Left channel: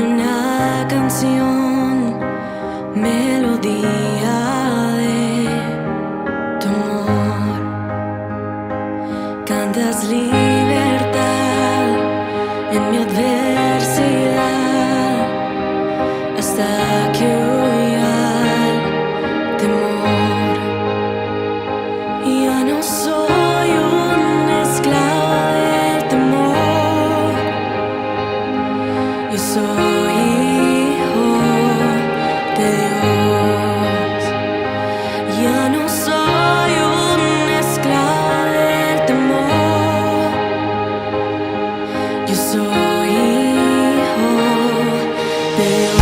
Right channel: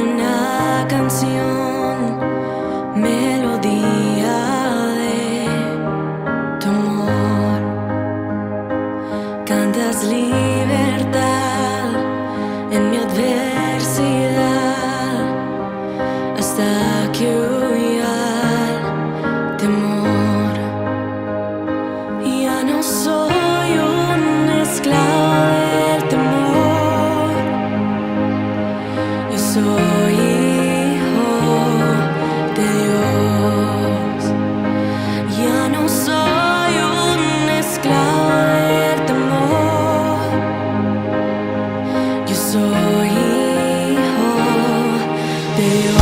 una canción, melodía de tu amor. Cantas libertad en mi adversidad hasta que huya el temor. Ya no soy un esclavo del temor, yo soy hijo de Dios. Ya no soy un esclavo del temor, yo soy hijo de Dios.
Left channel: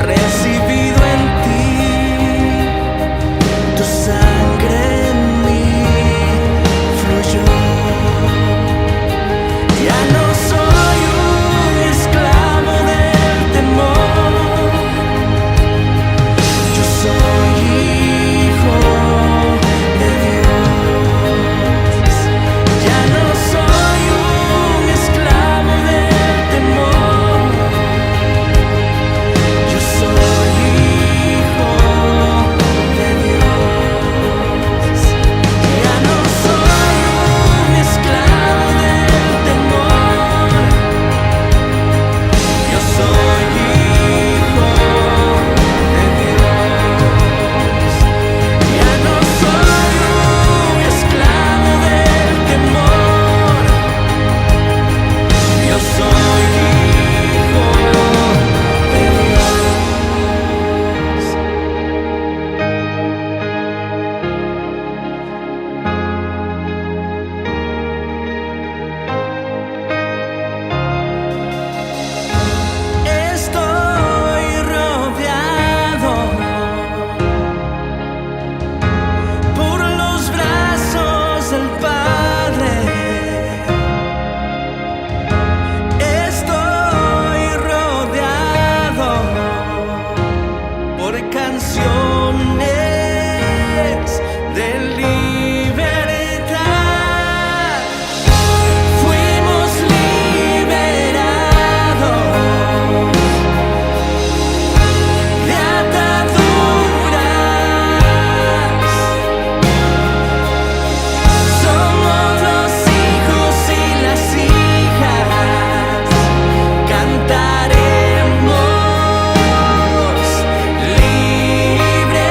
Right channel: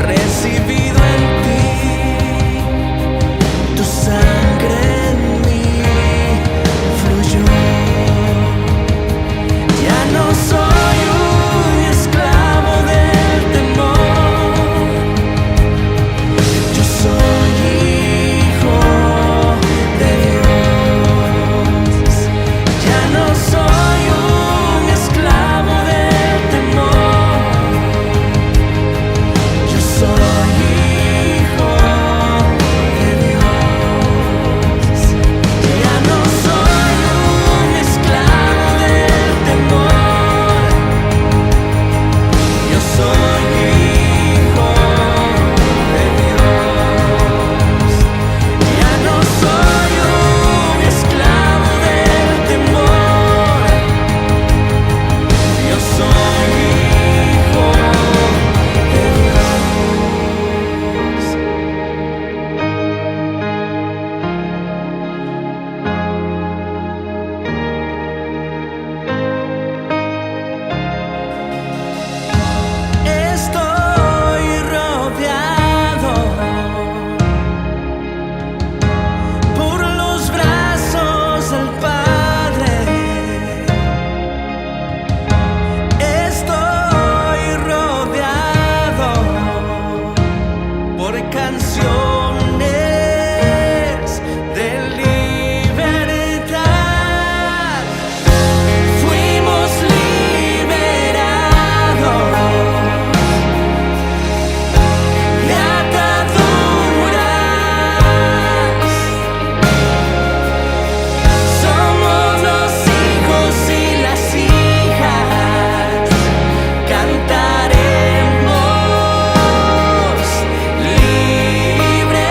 Recibido en ti, tu sangre en mí fluyó. Ya no soy un esclavo del temor, yo soy hijo de Dios. Ya no soy un esclavo del temor, yo soy hijo de Dios. Ya no soy un esclavo del temor, yo soy hijo de Dios. Ya no soy un esclavo del temor, yo soy hijo de Dios. Estoy rodeado por los brazos del Padre. Estoy rodeado por canciones de libertad. Fuimos liberados de ataduras. Somos los hijos y las hijas, cantaremos libres.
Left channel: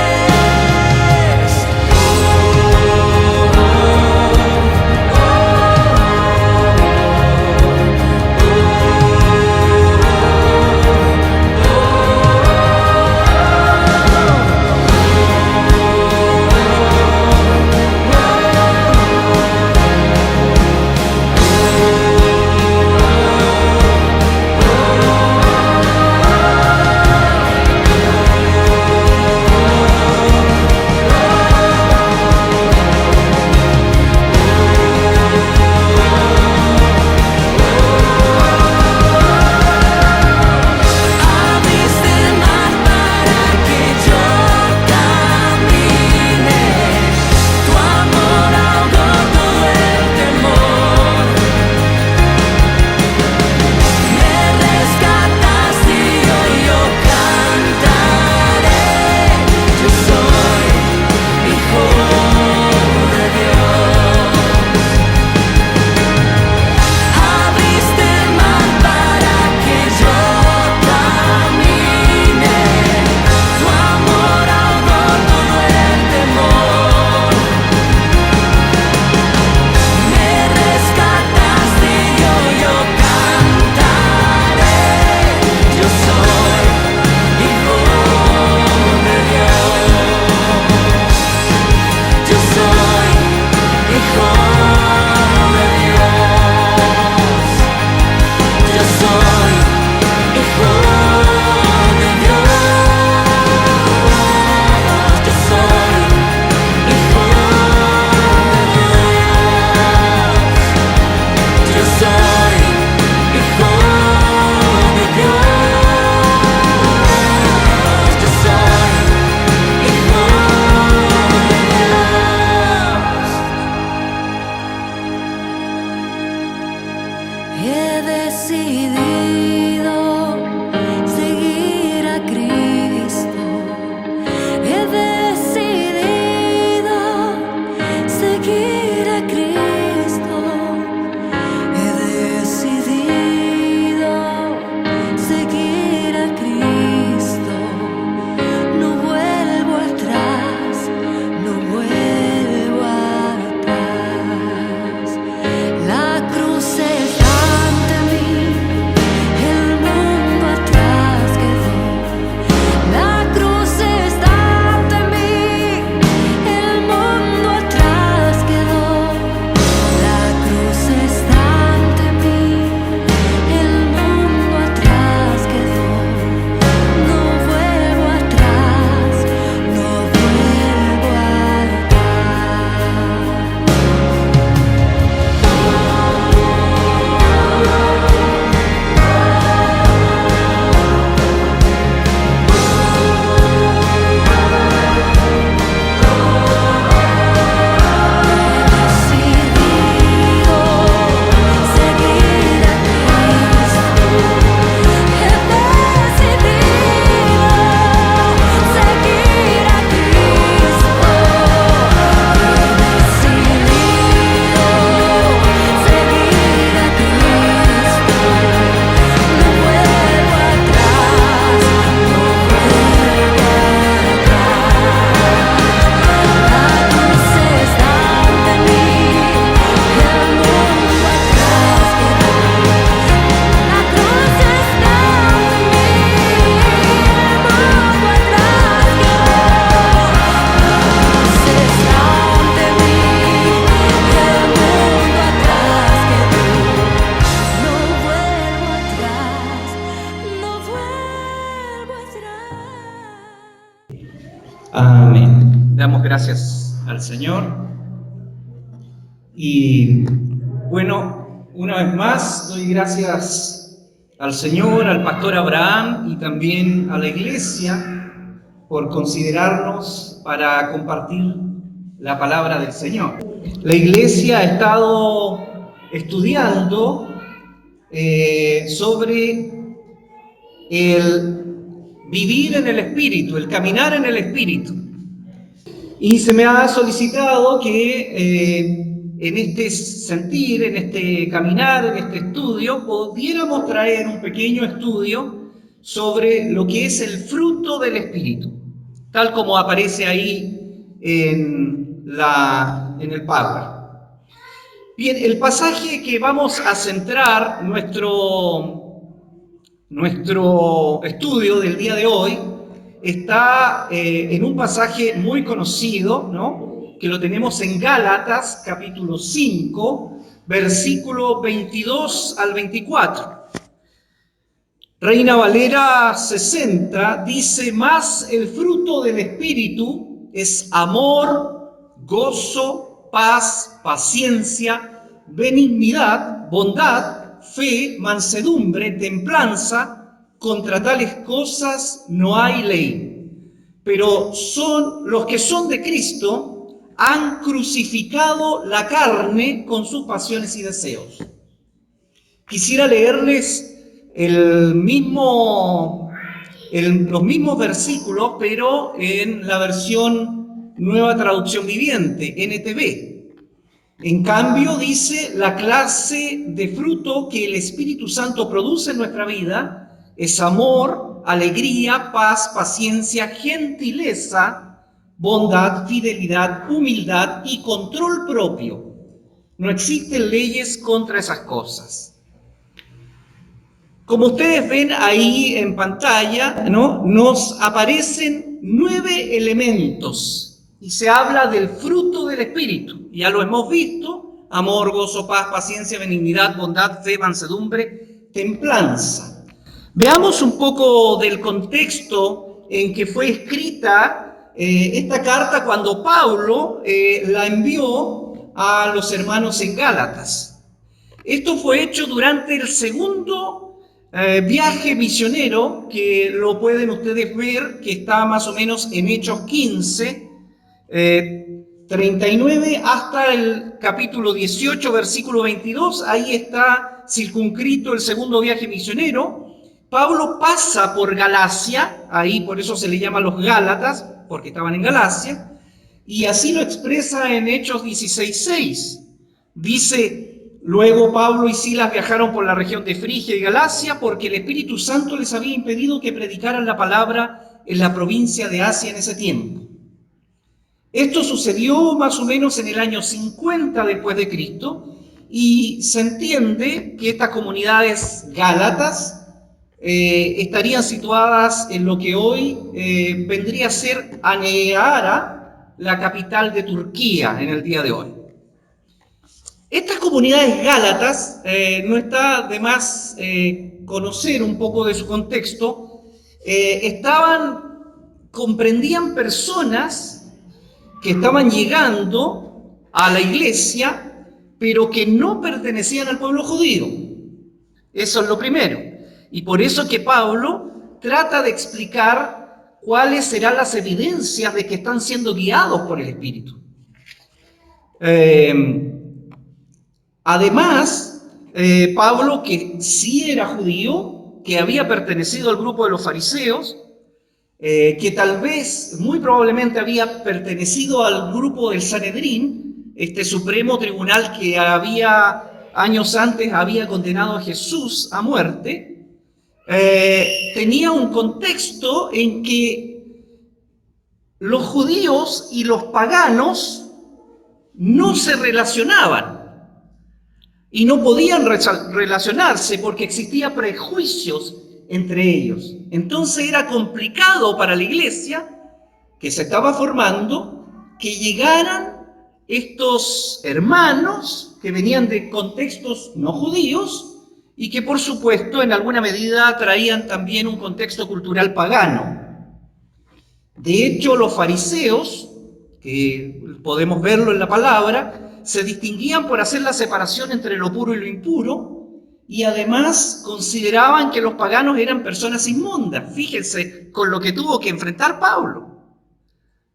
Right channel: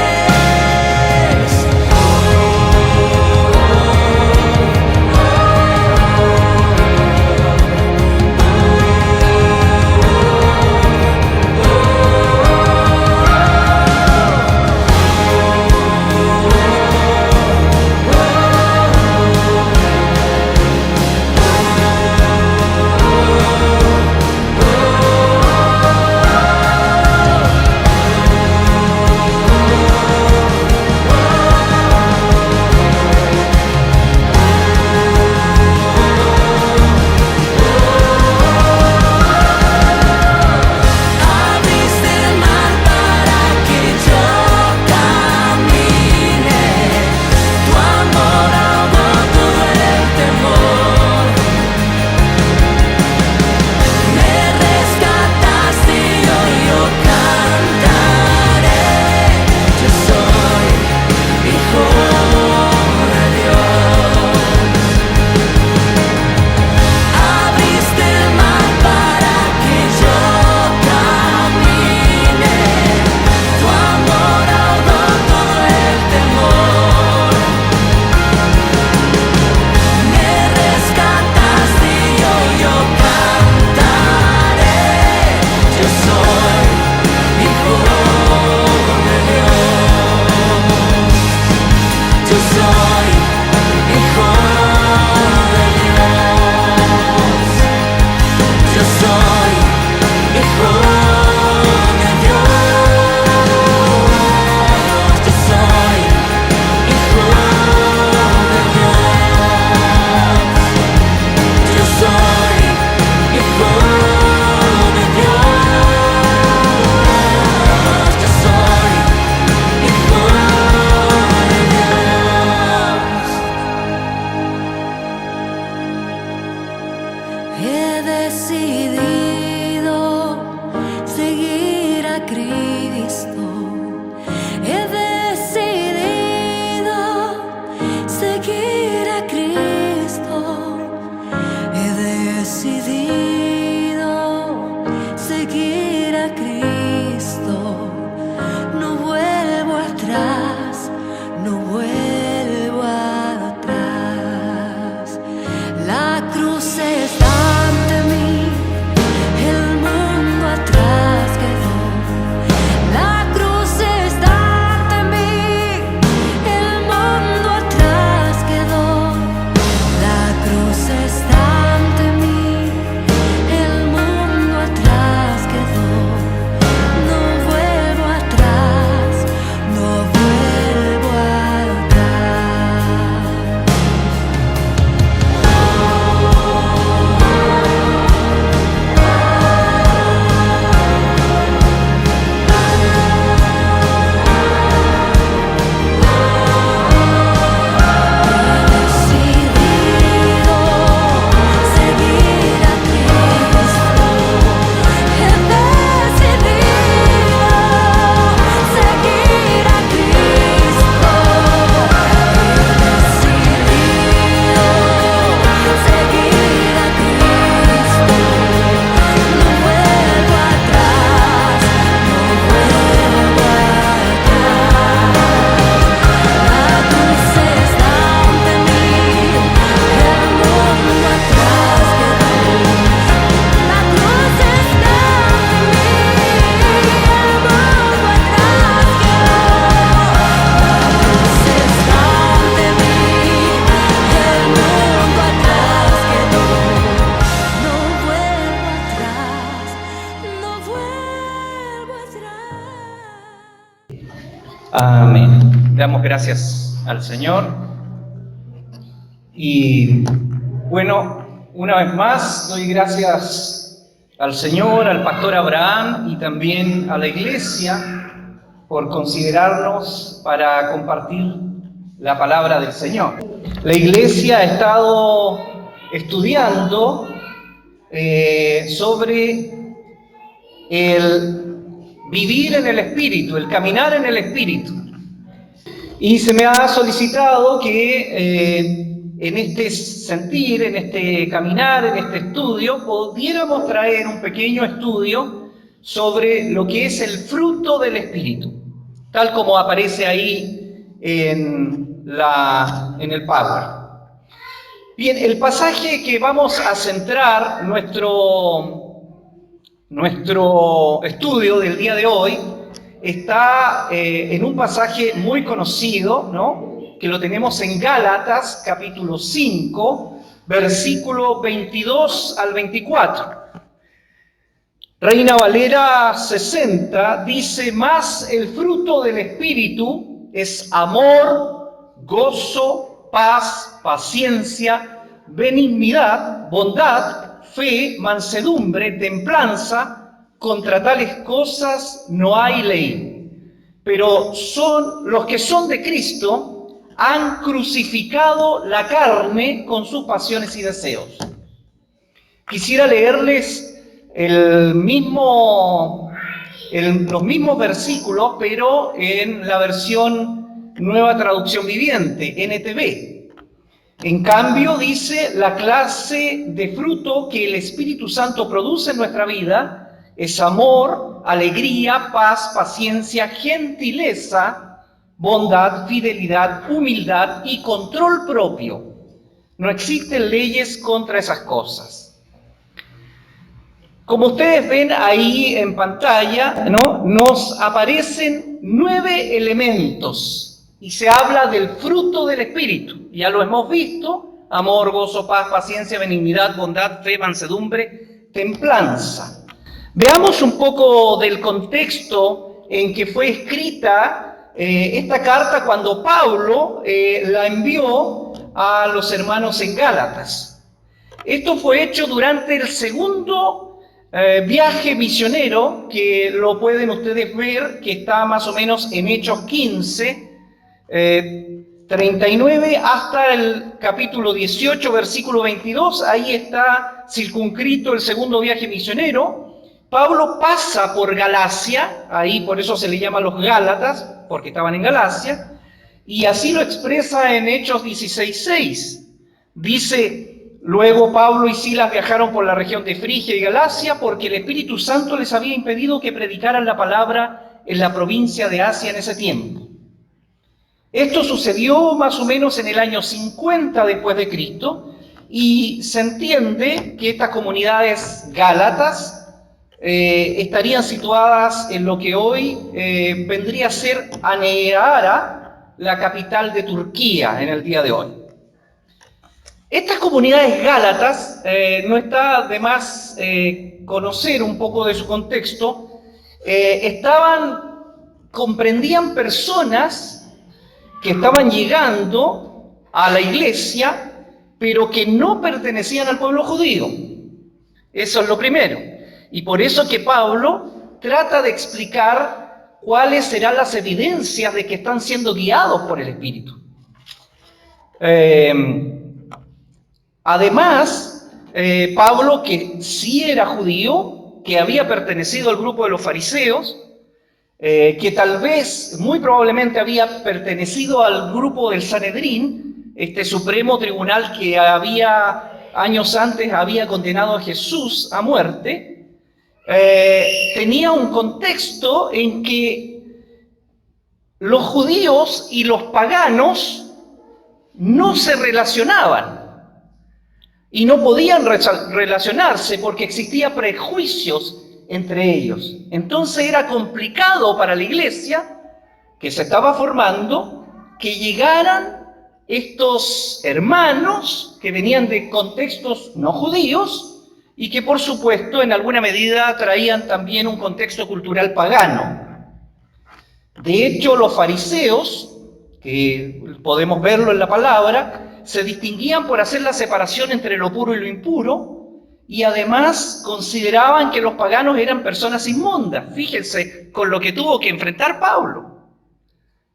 a Cristo, no vuelvo atrás, no vuelvo atrás. La cruz está ante mí, el mundo atrás quedó. La cruz está ante mí, el mundo atrás quedó. La cruz está ante mí, el mundo atrás quedó. No vuelvo atrás, no vuelvo atrás. He decidido seguir a Cristo. He decidido seguir a Cristo. He decidido seguir a Cristo. No vuelvo atrás, no vuelvo atrás. La cruz está ante mí, el mundo atrás quedó. La cruz está ante mí, el mundo atrás quedó. La cruz está ante mí, el mundo atrás quedó. No vuelvo atrás, no vuelvo atrás. Amén. Damos gracias al Señor. Y bueno, una vez más doy gracias al Señor, al pastor Abraham y también a la iglesia por considerarnos para compartir la palabra del Señor. La iglesia ha estado estudiando sobre el vivir en el Espíritu, el caminar en el Espíritu. Y se me ha solicitado que en este sentir, en este caminar, en este estudio, pudiéramos traer un pequeño estudio sobre lo que es el fruto del Espíritu, tal como aparece ahí en el Power. Bien, el pasaje que vamos a centrar nuestro estudio del día de hoy está en un pasaje muy conocido, ¿no?, que lo tenemos en Gálatas, capítulo 5, versículo 22 al 24. Reina Valera 60 dice: «Mas el fruto del Espíritu es amor, gozo, paz, paciencia, benignidad, bondad, fe, mansedumbre, templanza. Contra tales cosas no hay ley. Pero los que son de Cristo han crucificado la carne con sus pasiones y deseos». Quisiera leerles los mismos versículos, pero en la versión Nueva Traducción Viviente, NTV. En cambio, dice: «La clase de fruto que el Espíritu Santo produce en nuestra vida es amor, alegría, paz, paciencia, gentileza, bondad, fidelidad, humildad y control propio. No existen leyes contra esas cosas». Como ustedes ven ahí en pantalla, ¿no?, nos aparecen 9 elementos y se habla del fruto del Espíritu. Ya lo hemos visto: amor, gozo, paz, paciencia, benignidad, bondad, fe, mansedumbre, templanza. Veamos un poco del contexto en que fue escrita esta carta cuando Pablo la envió a los hermanos en Gálatas. Esto fue hecho durante el segundo viaje misionero, que lo pueden ustedes ver, que está más o menos en Hechos 15, 39 hasta el capítulo 18, versículo 22. Ahí está circunscrito el segundo viaje misionero. Pablo pasa por Galacia, ahí por eso se le llama los Gálatas, porque estaban en Galacia, y así lo expresa en Hechos 16:6. Dice: Luego Pablo y Silas viajaron por la región de Frigia y Galacia porque el Espíritu Santo les había impedido que predicaran la palabra en la provincia de Asia en ese tiempo. Esto sucedió más o menos en el año 50 después de Cristo y se entiende que estas comunidades gálatas estarían situadas en lo que hoy vendría a ser Ankara, la capital de Turquía en el día de hoy. Estas comunidades gálatas, no está de más conocer un poco de su contexto, comprendían personas que estaban llegando a la iglesia, pero que no pertenecían al pueblo judío. Eso es lo primero. Y por eso que Pablo trata de explicar cuáles serán las evidencias de que están siendo guiados por el Espíritu. Además, Pablo, que sí era judío, que había pertenecido al grupo de los fariseos, que tal vez, muy probablemente había pertenecido al grupo del Sanedrín, este supremo tribunal que años antes había condenado a Jesús a muerte, tenía un contexto en que los judíos y los paganos no se relacionaban y no podían relacionarse porque existían prejuicios entre ellos. Entonces era complicado para la iglesia que se estaba formando que llegaran estos hermanos que venían de contextos no judíos y que por supuesto en alguna medida traían también un contexto cultural pagano. De hecho, los fariseos, que podemos verlo en la palabra, se distinguían por hacer la separación entre lo puro y lo impuro, y además consideraban que los paganos eran personas inmundas. Fíjense con lo que tuvo que enfrentar Pablo,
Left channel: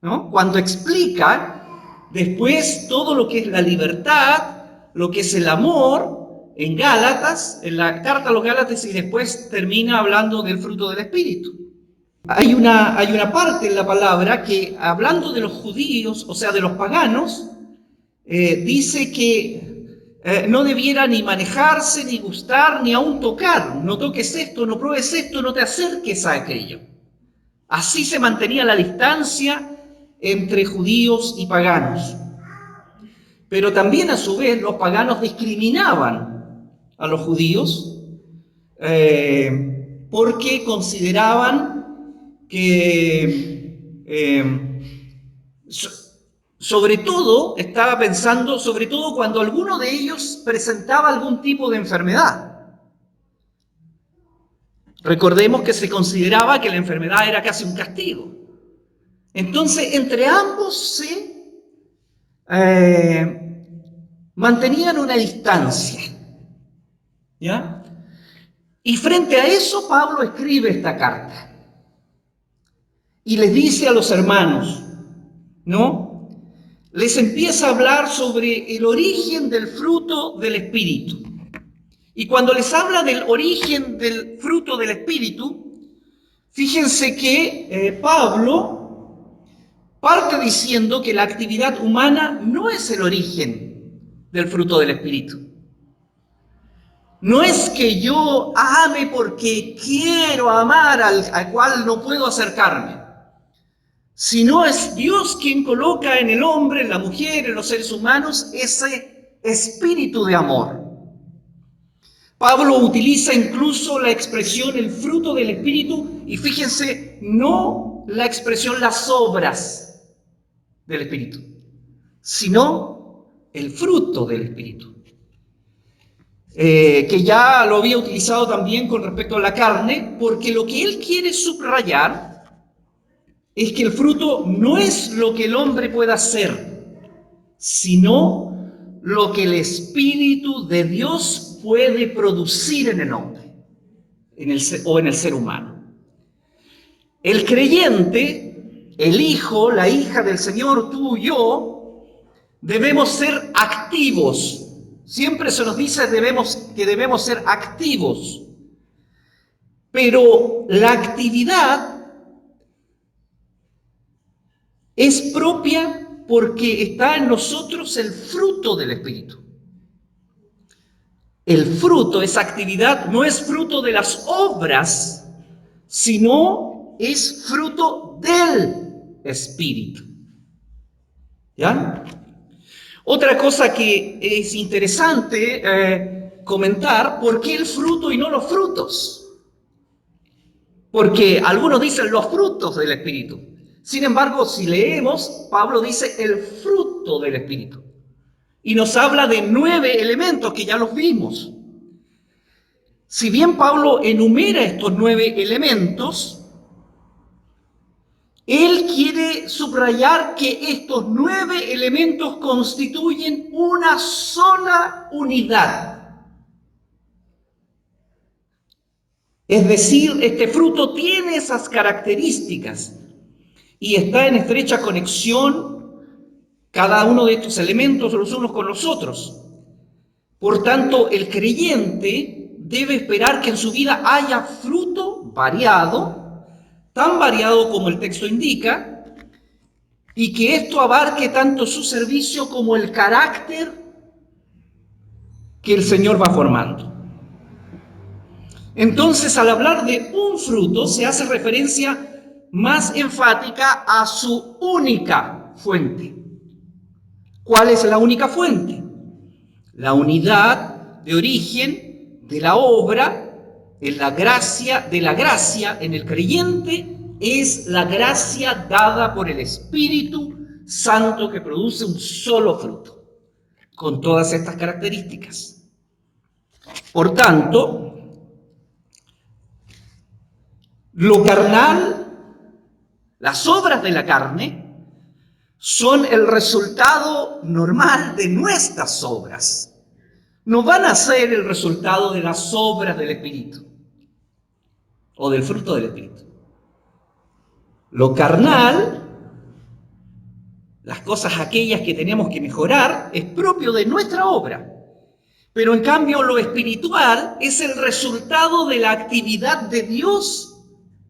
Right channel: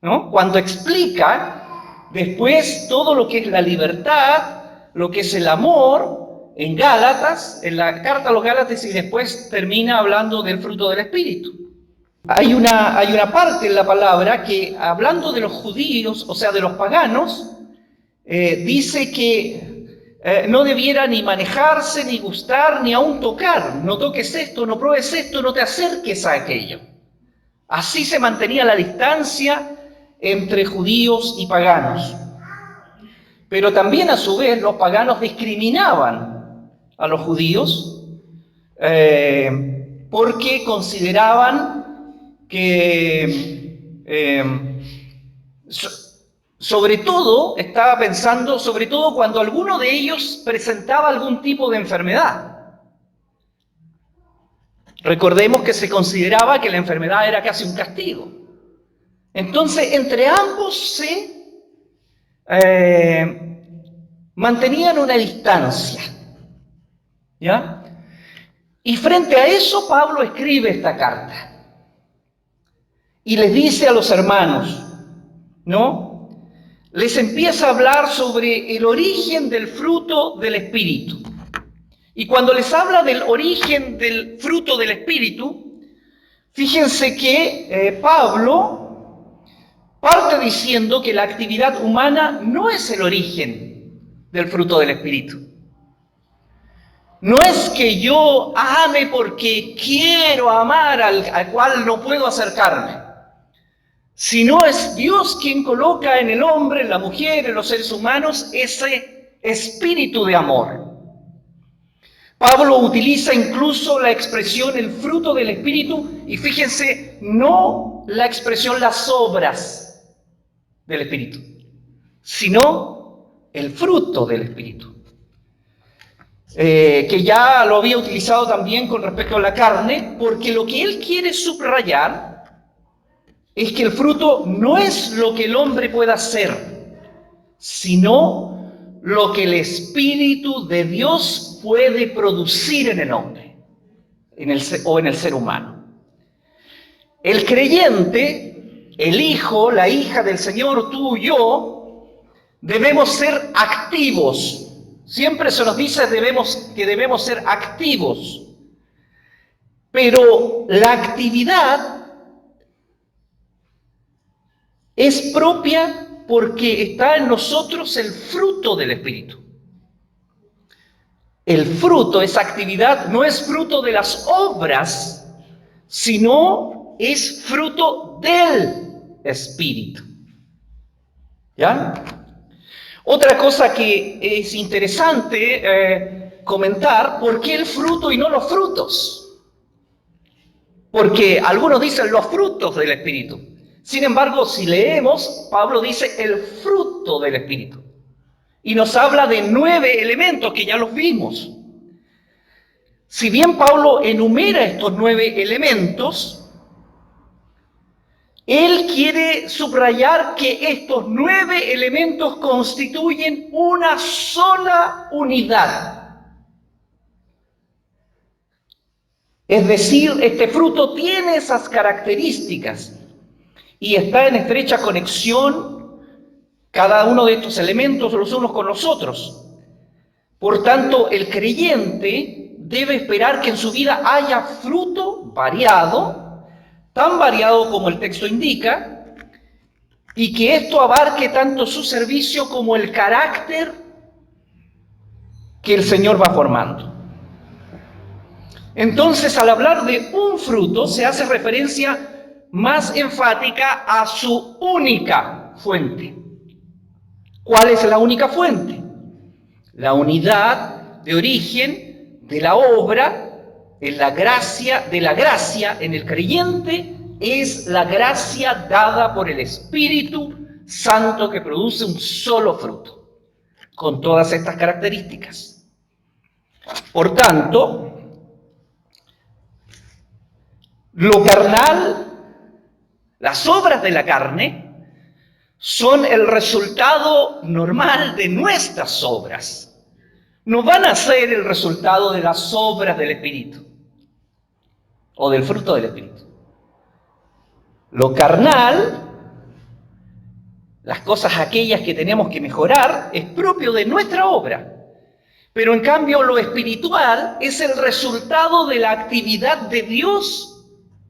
¿no? Cuando explica después todo lo que es la libertad, lo que es el amor, en Gálatas, en la carta a los Gálatas, y después termina hablando del fruto del Espíritu. Hay una parte en la palabra que, hablando de los judíos, o sea, de los paganos, dice que no debiera ni manejarse, ni gustar, ni aún tocar. No toques esto, no pruebes esto, no te acerques a aquello. Así se mantenía la distancia entre judíos y paganos. Pero también a su vez los paganos discriminaban a los judíos porque consideraban que sobre todo, estaba pensando, sobre todo cuando alguno de ellos presentaba algún tipo de enfermedad. Recordemos que se consideraba que la enfermedad era casi un castigo. Entonces, entre ambos se mantenían una distancia, ¿ya? Y frente a eso, Pablo escribe esta carta y les dice a los hermanos, ¿no? Les empieza a hablar sobre el origen del fruto del Espíritu. Y cuando les habla del origen del fruto del Espíritu, fíjense que Pablo parte diciendo que la actividad humana no es el origen del fruto del Espíritu. No es que yo ame porque quiero amar al cual no puedo acercarme, sino es Dios quien coloca en el hombre, en la mujer, en los seres humanos, ese espíritu de amor. Pablo utiliza incluso la expresión el fruto del Espíritu, y fíjense, no la expresión las obras del Espíritu, sino el fruto del Espíritu. Que ya lo había utilizado también con respecto a la carne, porque lo que él quiere subrayar es que el fruto no es lo que el hombre pueda hacer, sino lo que el Espíritu de Dios puede producir en el hombre o en el ser humano. El creyente, el hijo, la hija del Señor, tú y yo, debemos ser activos. Siempre se nos dice que debemos ser activos, pero la actividad es propia porque está en nosotros el fruto del Espíritu. el fruto, esa actividad, no es fruto de las obras, sino es fruto del Espíritu. ¿Ya? Otra cosa que es interesante comentar, ¿por qué el fruto y no los frutos? Porque algunos dicen los frutos del Espíritu. Sin embargo, si leemos, Pablo dice el fruto del Espíritu. Y nos habla de 9 elementos que ya los vimos. Si bien Pablo enumera estos 9 elementos, él quiere subrayar que estos 9 elementos constituyen una sola unidad. Es decir, este fruto tiene esas características y está en estrecha conexión cada uno de estos elementos los unos con los otros. Por tanto, el creyente debe esperar que en su vida haya fruto variado, tan variado como el texto indica, y que esto abarque tanto su servicio como el carácter que el Señor va formando. Entonces, al hablar de un fruto, se hace referencia más enfática a su única fuente. ¿Cuál es la única fuente? La unidad de origen de la obra, en la gracia, de la gracia en el creyente, es la gracia dada por el Espíritu Santo que produce un solo fruto, con todas estas características. Por tanto, lo carnal, las obras de la carne, son el resultado normal de nuestras obras. No van a ser el resultado de las obras del Espíritu o del fruto del Espíritu. Lo carnal, las cosas aquellas que tenemos que mejorar, es propio de nuestra obra. Pero en cambio lo espiritual es el resultado de la actividad de Dios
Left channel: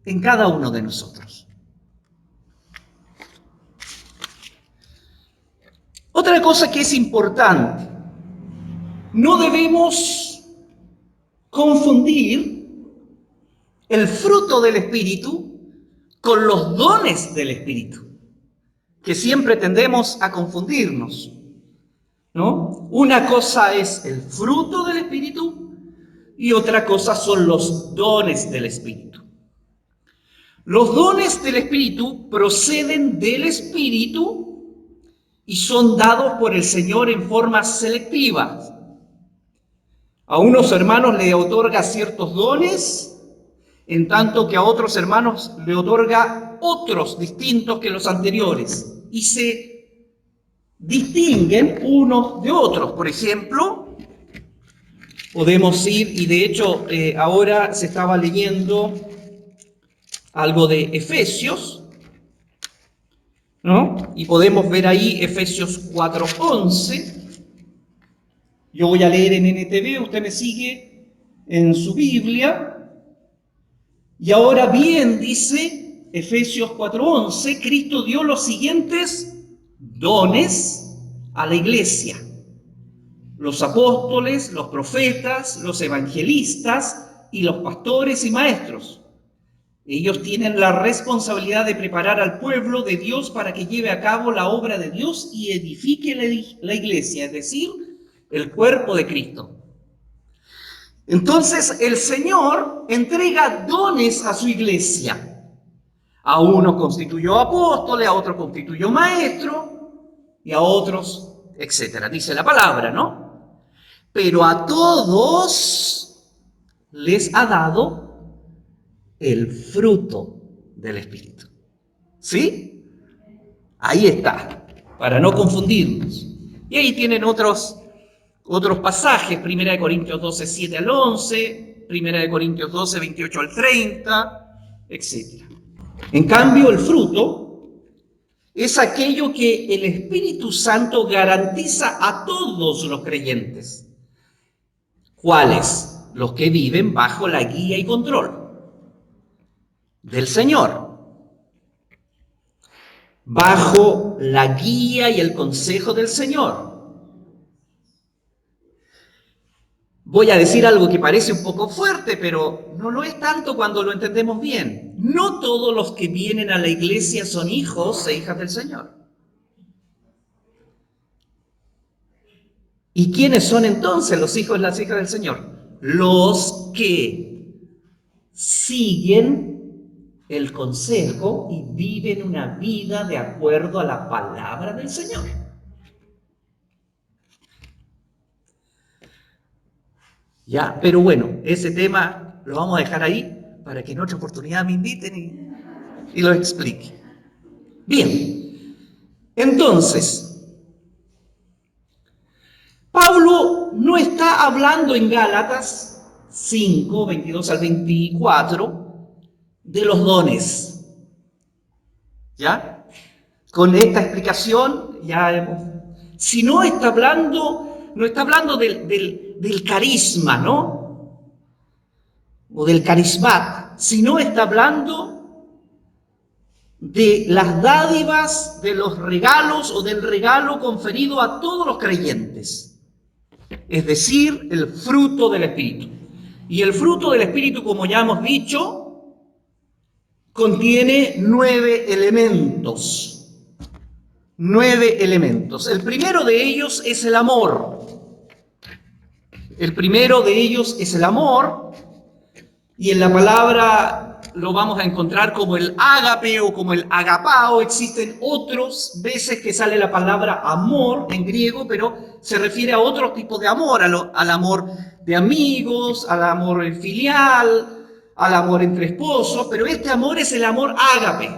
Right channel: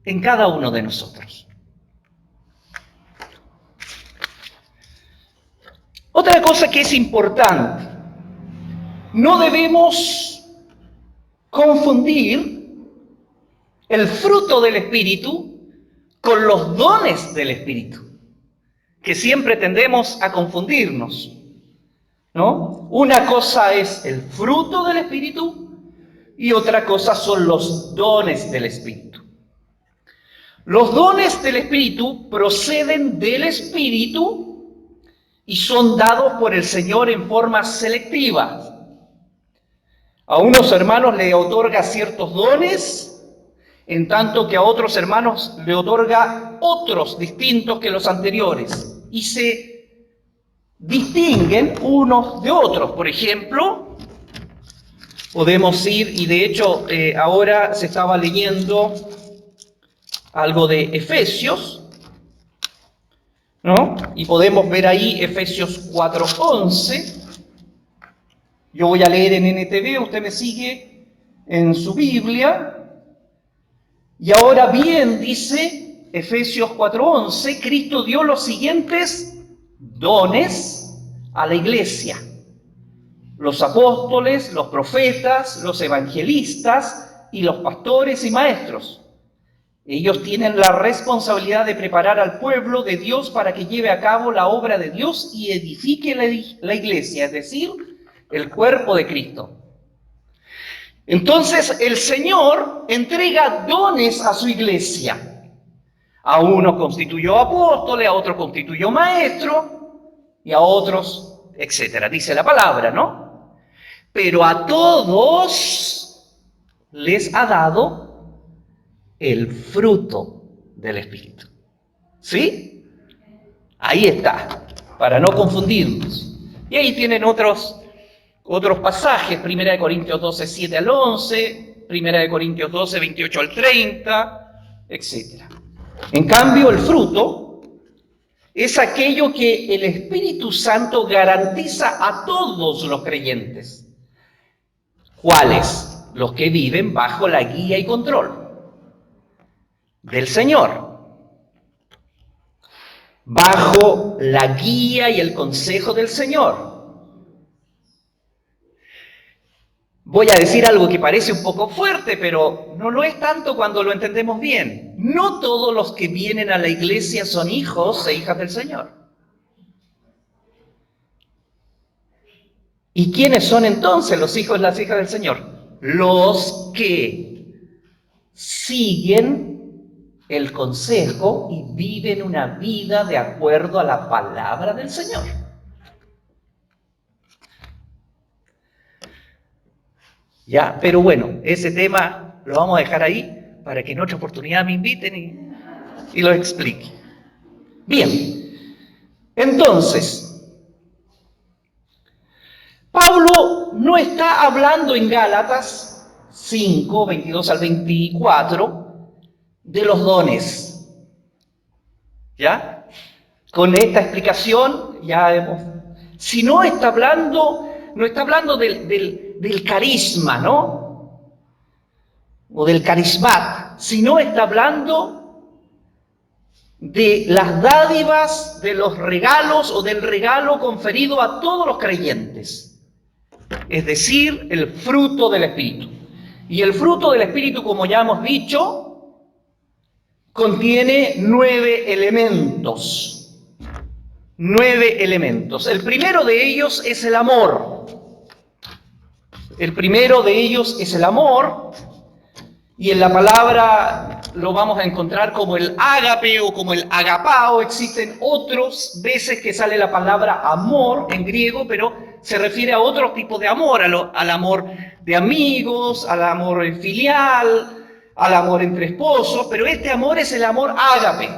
en cada uno de nosotros. Otra cosa que es importante, no debemos confundir el fruto del Espíritu con los dones del Espíritu, que siempre tendemos a confundirnos, ¿no? Una cosa es el fruto del Espíritu y otra cosa son los dones del Espíritu. Los dones del Espíritu proceden del Espíritu y son dados por el Señor en forma selectiva. A unos hermanos le otorga ciertos dones, en tanto que a otros hermanos le otorga otros distintos que los anteriores, y se distinguen unos de otros. Por ejemplo, podemos ir, y de hecho ahora se estaba leyendo algo de Efesios, ¿no? Y podemos ver ahí Efesios 4:11. Yo voy a leer en NTV, usted me sigue en su Biblia. Y ahora bien, dice Efesios 4:11, Cristo dio los siguientes dones a la iglesia: los apóstoles, los profetas, los evangelistas y los pastores y maestros. Ellos tienen la responsabilidad de preparar al pueblo de Dios para que lleve a cabo la obra de Dios y edifique la iglesia, es decir, el cuerpo de Cristo. Entonces el Señor entrega dones a su iglesia. A uno constituyó apóstoles, a otro constituyó maestro y a otros, etcétera. Dice la palabra, ¿no? Pero a todos les ha dado el fruto del Espíritu. ¿Sí? Ahí está, para no confundirnos. Y ahí tienen otros pasajes, 1 Corintios 12, 7 al 11, 1 Corintios 12, 28 al 30, etc. En cambio, el fruto es aquello que el Espíritu Santo garantiza a todos los creyentes. ¿Cuáles? Los que viven bajo la guía y control del Señor, bajo la guía y el consejo del Señor, Voy a decir algo que parece un poco fuerte, pero no lo es tanto cuando lo entendemos bien. No todos los que vienen a la iglesia son hijos e hijas del Señor. ¿Y quiénes son entonces los hijos y las hijas del Señor? Los que siguen el consejo y viven una vida de acuerdo a la palabra del Señor. Ya, pero bueno, ese tema lo vamos a dejar ahí para que en otra oportunidad me inviten y lo explique. Bien, entonces, Pablo no está hablando en Gálatas 5, 22 al 24 de los dones. ¿Ya? Con esta explicación ya hemos... Si no está hablando, no está hablando del carisma, ¿no? O del carismat, sino está hablando de las dádivas, de los regalos o del regalo conferido a todos los creyentes. Es decir, el fruto del Espíritu. Y el fruto del Espíritu, como ya hemos dicho, contiene 9 elementos. 9 elementos. El primero de ellos es el amor. El primero de ellos es el amor, y en la palabra lo vamos a encontrar como el ágape o como el agapao. Existen otras veces que sale la palabra amor en griego, pero se refiere a otro tipo de amor, al amor de amigos, al amor filial, al amor entre esposos, pero este amor es el amor ágape,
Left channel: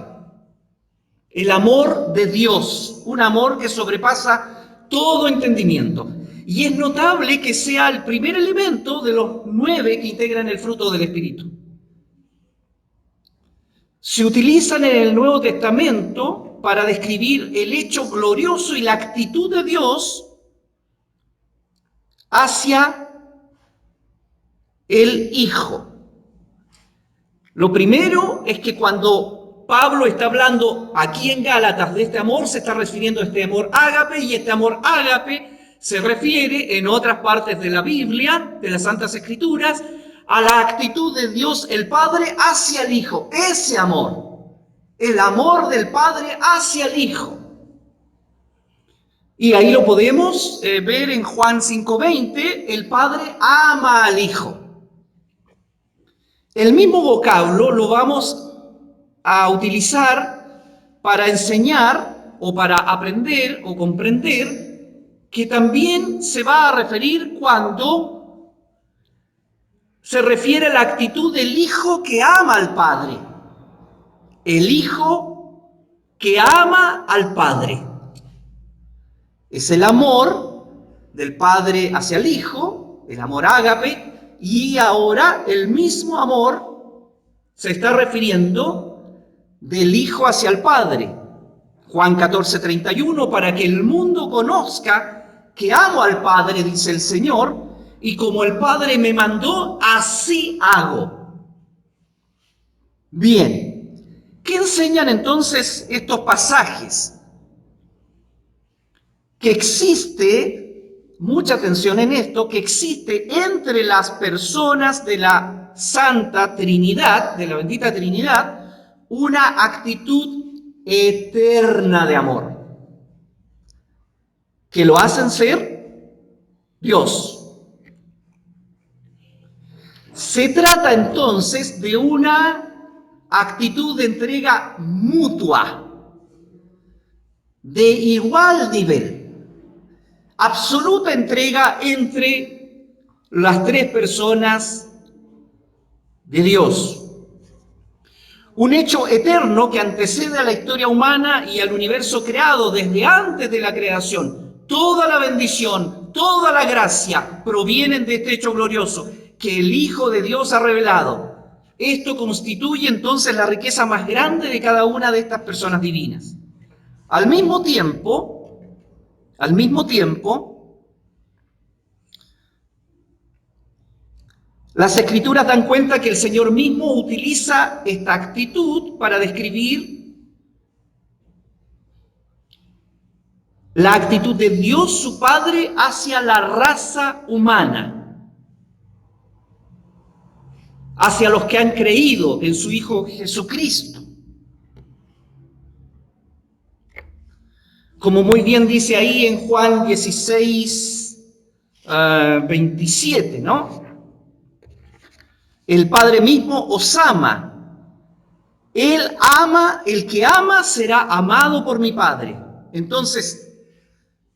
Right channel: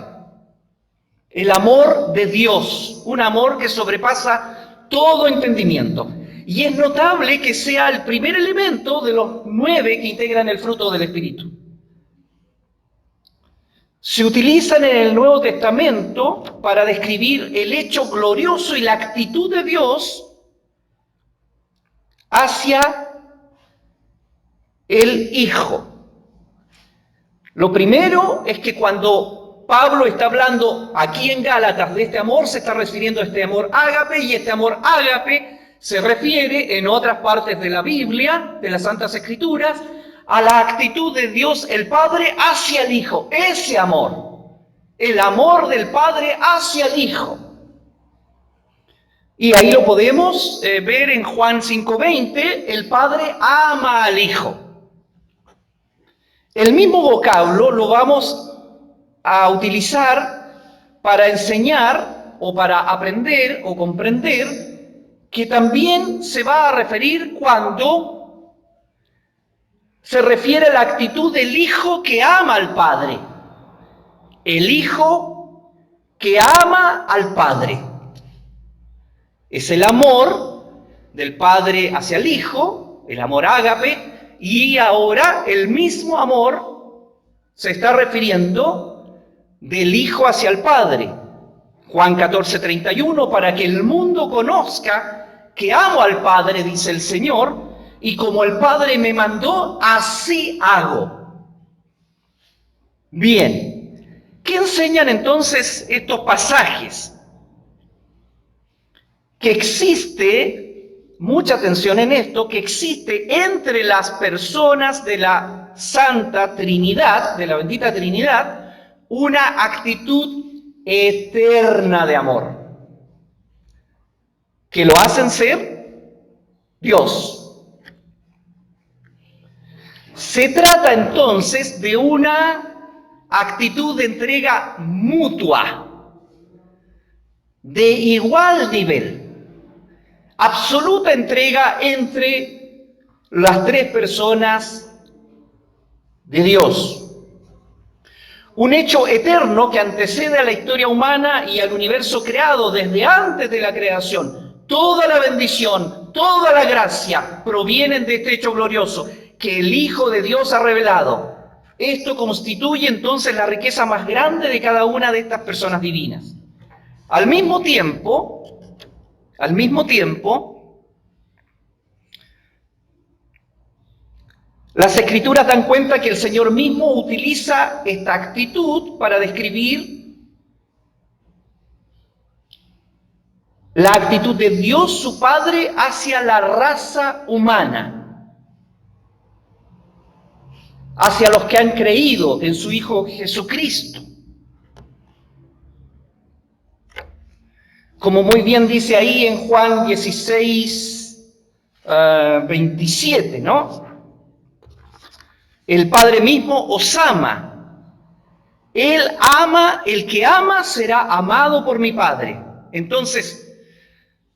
el amor de Dios, un amor que sobrepasa todo entendimiento. Y es notable que sea el primer elemento de los 9 que integran el fruto del Espíritu. Se utilizan en el Nuevo Testamento para describir el hecho glorioso y la actitud de Dios hacia el Hijo. Lo primero es que cuando Pablo está hablando aquí en Gálatas de este amor, se está refiriendo a este amor ágape, y este amor ágape se refiere en otras partes de la Biblia, de las Santas Escrituras, a la actitud de Dios el Padre hacia el Hijo. Ese amor, el amor del Padre hacia el Hijo. Y ahí lo podemos ver en Juan 5:20, el Padre ama al Hijo. El mismo vocablo lo vamos a utilizar para enseñar o para aprender o comprender que también se va a referir cuando se refiere a la actitud del Hijo que ama al Padre. El Hijo que ama al Padre. Es el amor del Padre hacia el Hijo, el amor ágape, y ahora el mismo amor se está refiriendo del Hijo hacia el Padre. Juan 14:31, para que el mundo conozca que amo al Padre, dice el Señor, y como el Padre me mandó, así hago. Bien, ¿qué enseñan entonces estos pasajes? Que existe, mucha atención en esto, que existe entre las personas de la Santa Trinidad, de la bendita Trinidad, una actitud eterna de amor, que lo hacen ser Dios. Se trata entonces de una actitud de entrega mutua, de igual nivel, absoluta entrega entre las tres personas de Dios. Un hecho eterno que antecede a la historia humana y al universo creado desde antes de la creación. Toda la bendición, toda la gracia provienen de este hecho glorioso que el Hijo de Dios ha revelado. Esto constituye entonces la riqueza más grande de cada una de estas personas divinas. Al mismo tiempo, las Escrituras dan cuenta que el Señor mismo utiliza esta actitud para describir la actitud de Dios, su Padre, hacia la raza humana. hacia los que han creído en su Hijo Jesucristo. Como muy bien dice ahí en Juan 16, 27, ¿no? El Padre mismo os ama. Él ama, el que ama será amado por mi Padre. Entonces,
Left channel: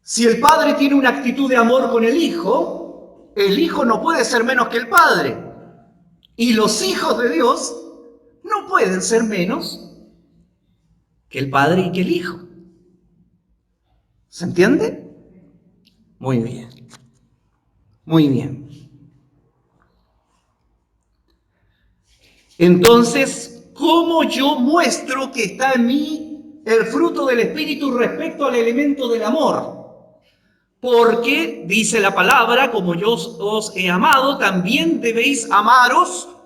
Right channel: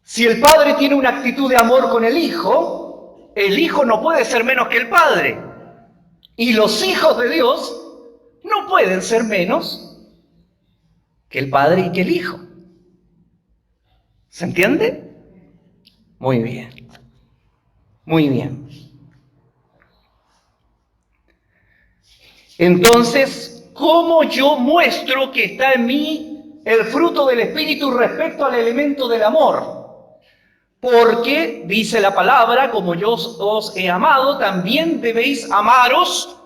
si el Padre tiene una actitud de amor con el Hijo no puede ser menos que el Padre. Y los hijos de Dios no pueden ser menos que el Padre y que el Hijo. ¿Se entiende? Muy bien. Muy bien. Entonces, ¿cómo yo muestro que está en mí el fruto del Espíritu respecto al elemento del amor? Porque, dice la palabra, como yo os he amado, también debéis amaros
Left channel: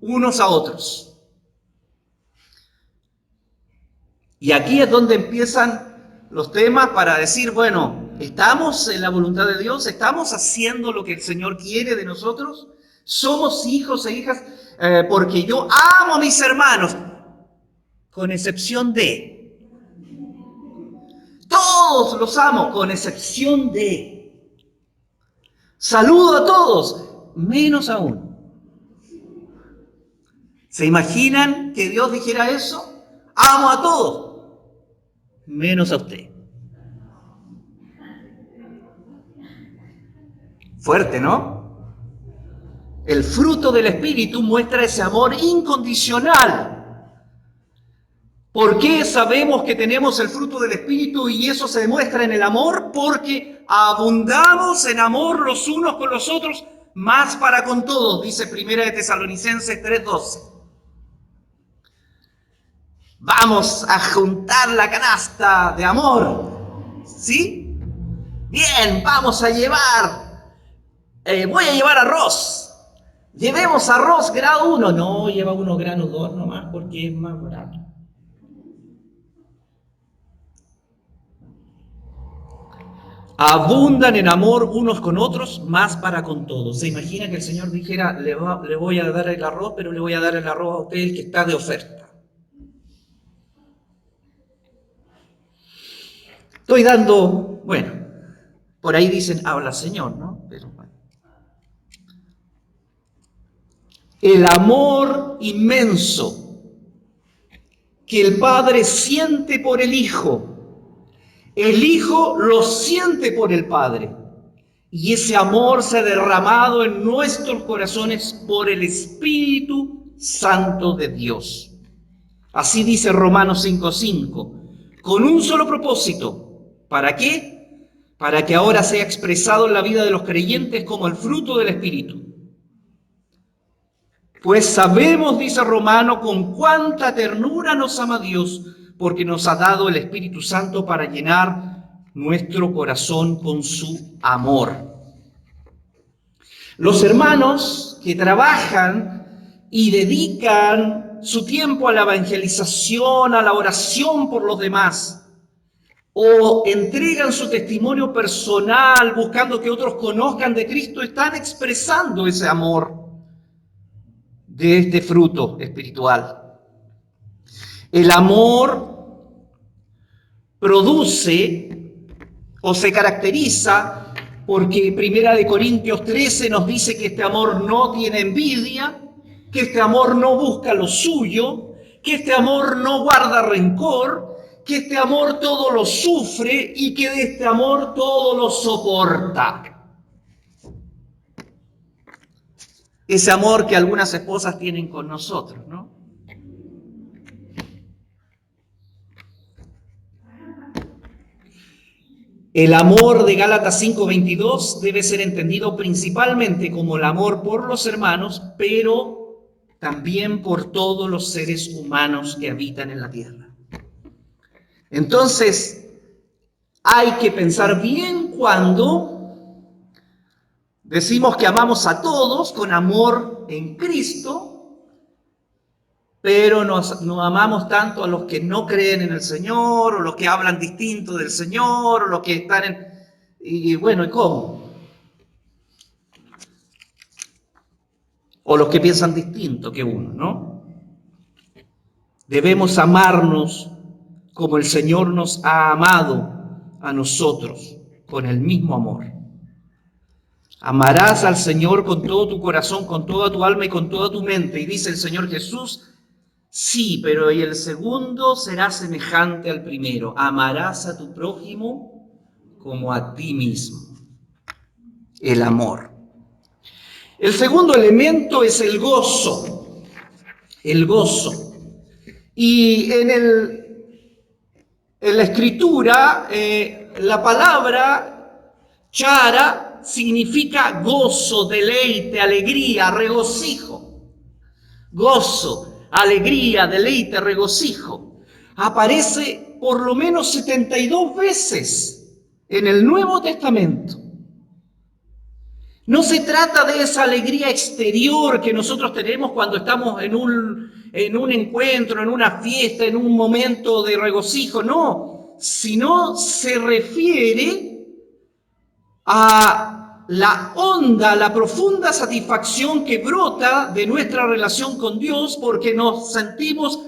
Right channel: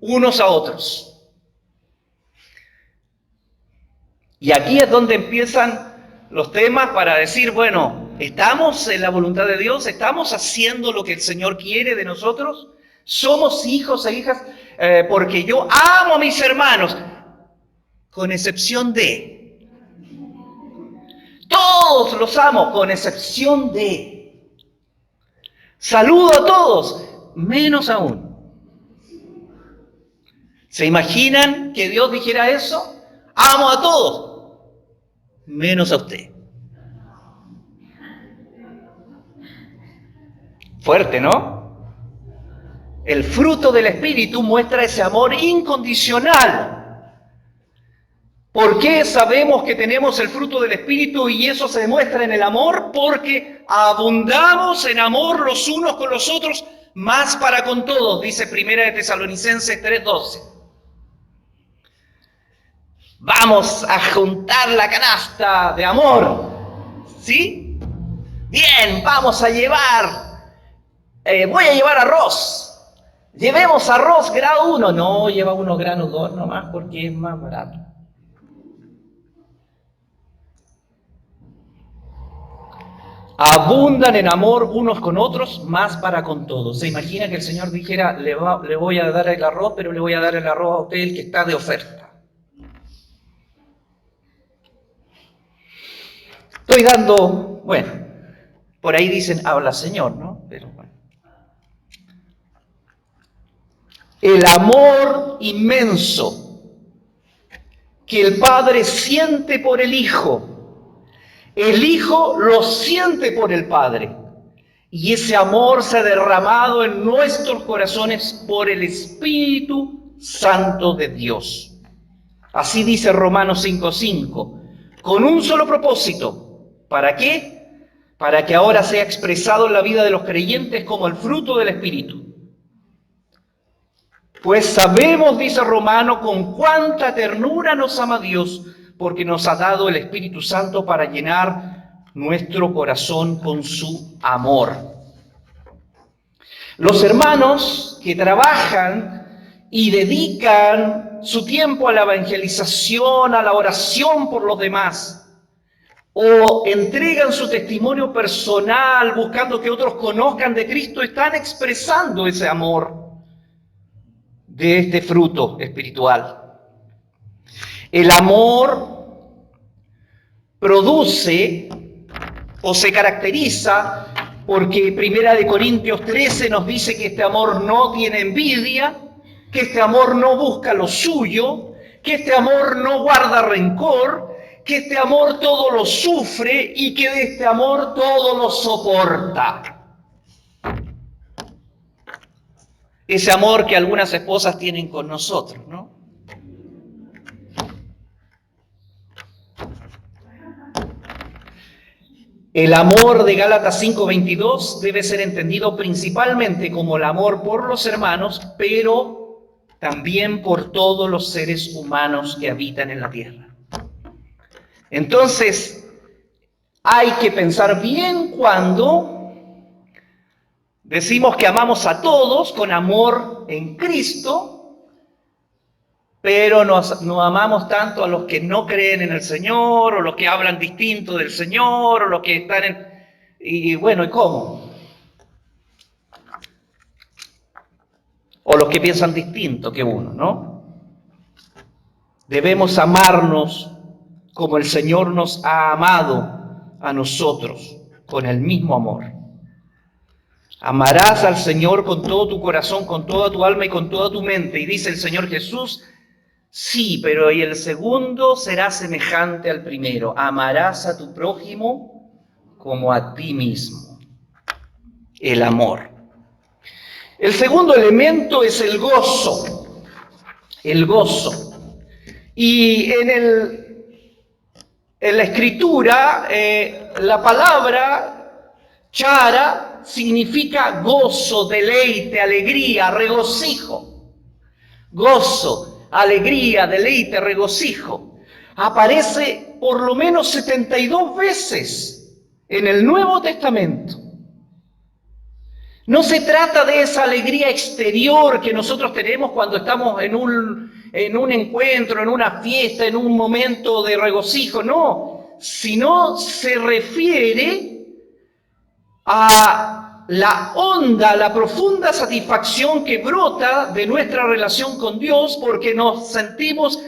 unos a otros. Y aquí es donde empiezan los temas para decir, bueno, ¿estamos en la voluntad de Dios? ¿Estamos haciendo lo que el Señor quiere de nosotros? ¿Somos hijos e hijas? Porque yo amo a mis hermanos, con excepción de... Todos los amo, con excepción de... Saludo a todos, menos aún. ¿Se imaginan que Dios dijera eso? Amo a todos, menos a usted. Fuerte, ¿no? El fruto del Espíritu muestra ese amor incondicional. ¿Por qué sabemos que tenemos el fruto del Espíritu y eso se demuestra en el amor? Porque abundamos en amor los unos con los otros, más para con todos, dice 1 de Tesalonicenses 3:12. Vamos a juntar la canasta de amor, ¿sí? Bien, vamos a llevar, voy a llevar arroz. Llevemos arroz grado 1, no, lleva uno grado 2 nomás porque es más barato. Abundan en amor unos con otros, más para con todos. ¿Se imagina que el Señor dijera, le voy a dar el arroz, pero le voy a dar el arroz a usted el que está de oferta? Estoy dando, bueno, por ahí dicen, habla Señor, ¿no? Pero el amor inmenso que el Padre siente por el Hijo lo siente por el Padre. Y ese amor se ha derramado en nuestros corazones por el Espíritu Santo de Dios. Así dice Romanos 5:5, con un solo propósito. ¿Para qué? Para que ahora sea expresado en la vida de los creyentes como el fruto del Espíritu. Pues sabemos, dice Romano, con cuánta ternura nos ama Dios, porque nos ha dado el Espíritu Santo para llenar nuestro corazón con su amor. Los hermanos que trabajan y dedican su tiempo a la evangelización, a la oración por los demás, o entregan su testimonio personal buscando que otros conozcan de Cristo, están expresando ese amor de este fruto espiritual. El amor produce o se caracteriza porque 1 Corintios 13 nos dice que este amor no tiene envidia, que este amor no busca lo suyo, que este amor no guarda rencor, que este amor todo lo sufre y que de este amor todo lo soporta. Ese amor que algunas esposas tienen con nosotros, ¿no? El amor de Gálatas 5:22 debe ser entendido principalmente como el amor por los hermanos, pero también por todos los seres humanos que habitan en la tierra. Entonces, hay que pensar bien cuando decimos que amamos a todos con amor en Cristo, pero no amamos tanto a los que no creen en el Señor, o los que hablan distinto del Señor, o los que están en... Y bueno, ¿y cómo? o los que piensan distinto que uno, ¿no? Debemos amarnos como el Señor nos ha amado a nosotros, con el mismo amor. Amarás al Señor con todo tu corazón, con toda tu alma y con toda tu mente. Y dice el Señor Jesús, sí, pero y el segundo será semejante al primero. Amarás a tu prójimo como a ti mismo. El amor. El segundo elemento es el gozo. El gozo. Y en la escritura, la palabra chara significa gozo, deleite, alegría, regocijo. Gozo, alegría, deleite, regocijo. Aparece por lo menos 72 veces en el Nuevo Testamento. No se trata de esa alegría exterior que nosotros tenemos cuando estamos en un encuentro, en una fiesta, en un momento de regocijo, no, sino se refiere a la honda, la profunda satisfacción que brota de nuestra relación con Dios porque nos sentimos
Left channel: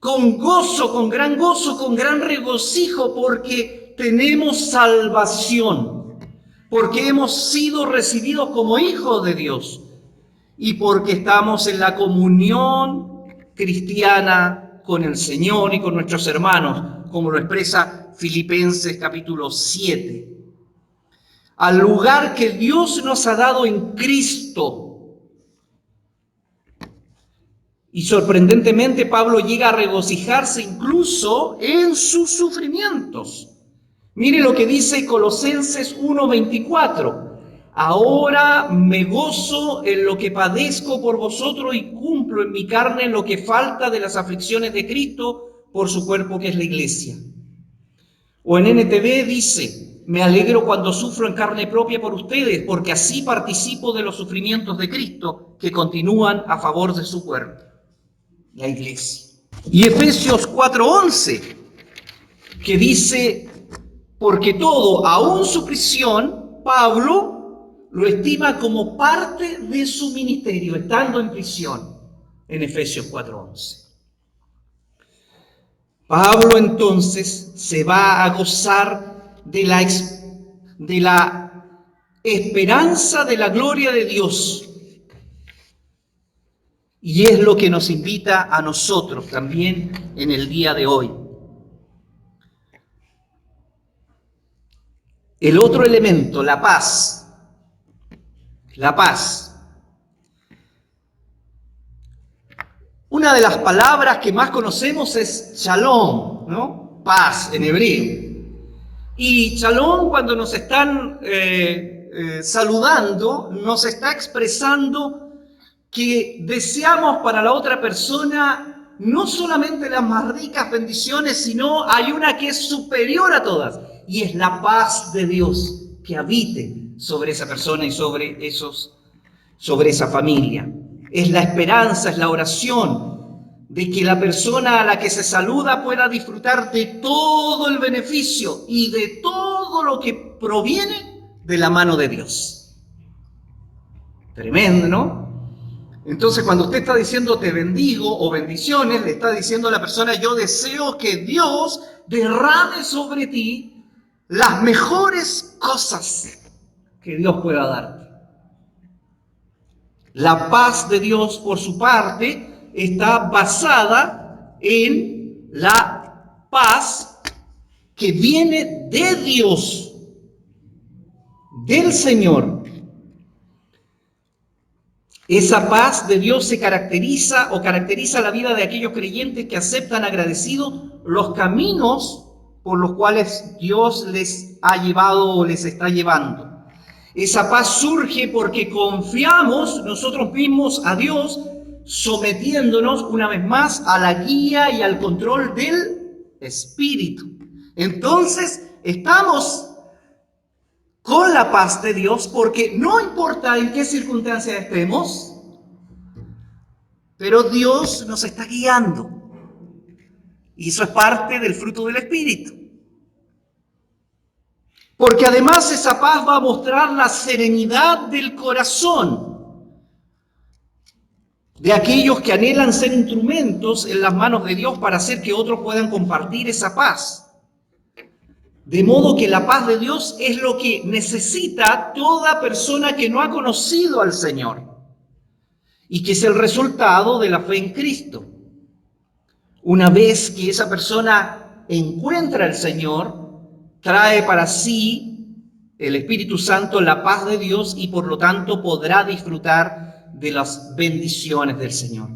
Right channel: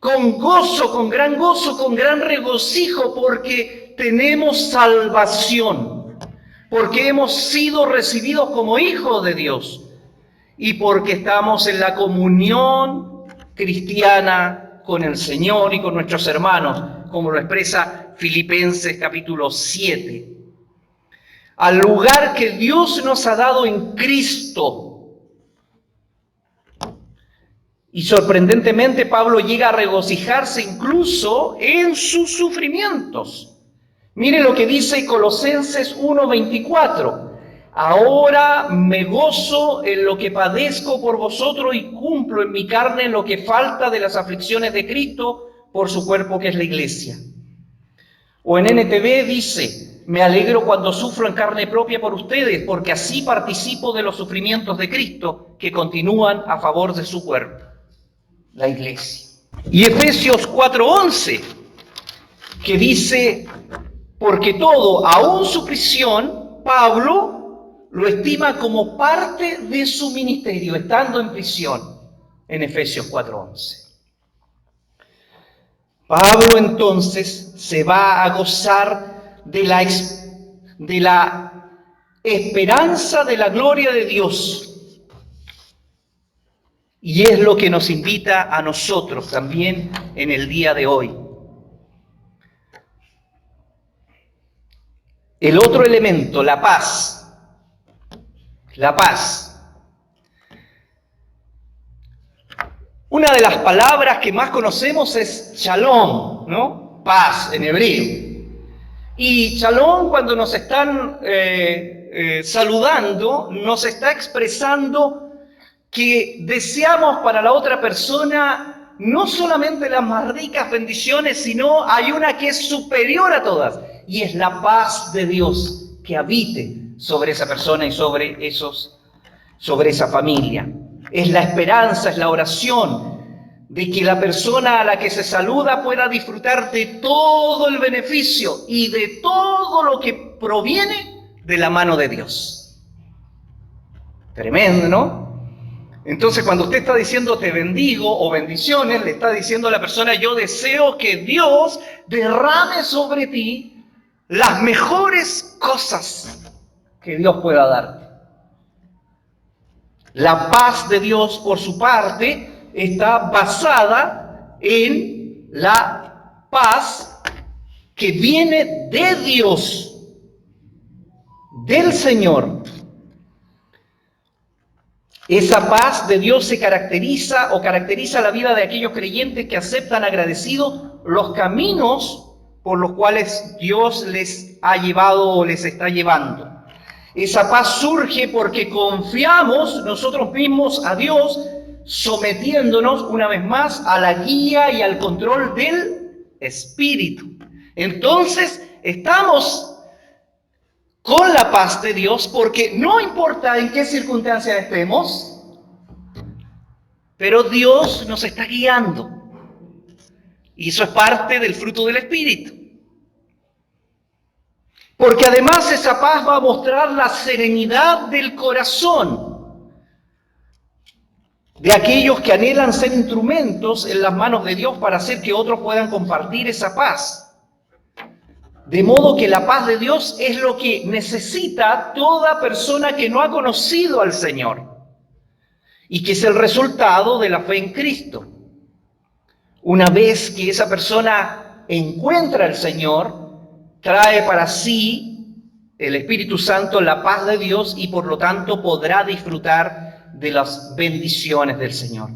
con gozo, con gran regocijo, porque tenemos salvación, porque hemos sido recibidos como hijos de Dios y porque estamos en la comunión cristiana con el Señor y con nuestros hermanos, como lo expresa Filipenses capítulo 7. Al lugar que Dios nos ha dado en Cristo. Y sorprendentemente Pablo llega a regocijarse incluso en sus sufrimientos. Mire lo que dice Colosenses 1:24. Ahora me gozo en lo que padezco por vosotros y cumplo en mi carne lo que falta de las aflicciones de Cristo por su cuerpo que es la iglesia. O en NTV dice, me alegro cuando sufro en carne propia por ustedes, porque así participo de los sufrimientos de Cristo que continúan a favor de su cuerpo, la iglesia. Y Efesios 4:11, que dice, porque todo, aún su prisión, Pablo lo estima como parte de su ministerio, estando en prisión, en Efesios 4:11. Pablo entonces se va a gozar de la esperanza de la gloria de Dios. Y es lo que nos invita a nosotros también en el día de hoy. El otro elemento, la paz. La paz. Una de las palabras que más conocemos es shalom, ¿no? Paz en hebreo. Y shalom, cuando nos están saludando, nos está expresando que deseamos para la otra persona no solamente las más ricas bendiciones, sino hay una que es superior a todas, y es la paz de Dios que habite sobre esa persona y sobre esa familia. Es la esperanza, es la oración de que la persona a la que se saluda pueda disfrutar de todo el beneficio y de todo lo que proviene de la mano de Dios. Tremendo, ¿no? Entonces, cuando usted está diciendo te bendigo o bendiciones, le está diciendo a la persona, yo deseo que Dios derrame sobre ti las mejores cosas que Dios pueda darte. La paz de Dios, por su parte, está basada en la paz que viene de Dios, del Señor. Esa paz de Dios se caracteriza la vida de aquellos creyentes que aceptan agradecidos los caminos por los cuales Dios les ha llevado o les está llevando. Esa paz surge porque confiamos nosotros mismos a Dios, sometiéndonos una vez más a la guía y al control del Espíritu. Entonces, estamos con la paz de Dios porque no importa en qué circunstancias estemos, pero Dios nos está guiando. Y eso es parte del fruto del Espíritu. Porque además esa paz va a mostrar la serenidad del corazón. de aquellos que anhelan ser instrumentos en las manos de Dios para hacer que otros puedan compartir esa paz. De modo que la paz de Dios es lo que necesita toda persona que no ha conocido al Señor y que es el resultado de la fe en Cristo. Una vez que esa persona encuentra al Señor, trae para sí el Espíritu Santo la paz de Dios y por lo tanto podrá disfrutar de las bendiciones del Señor.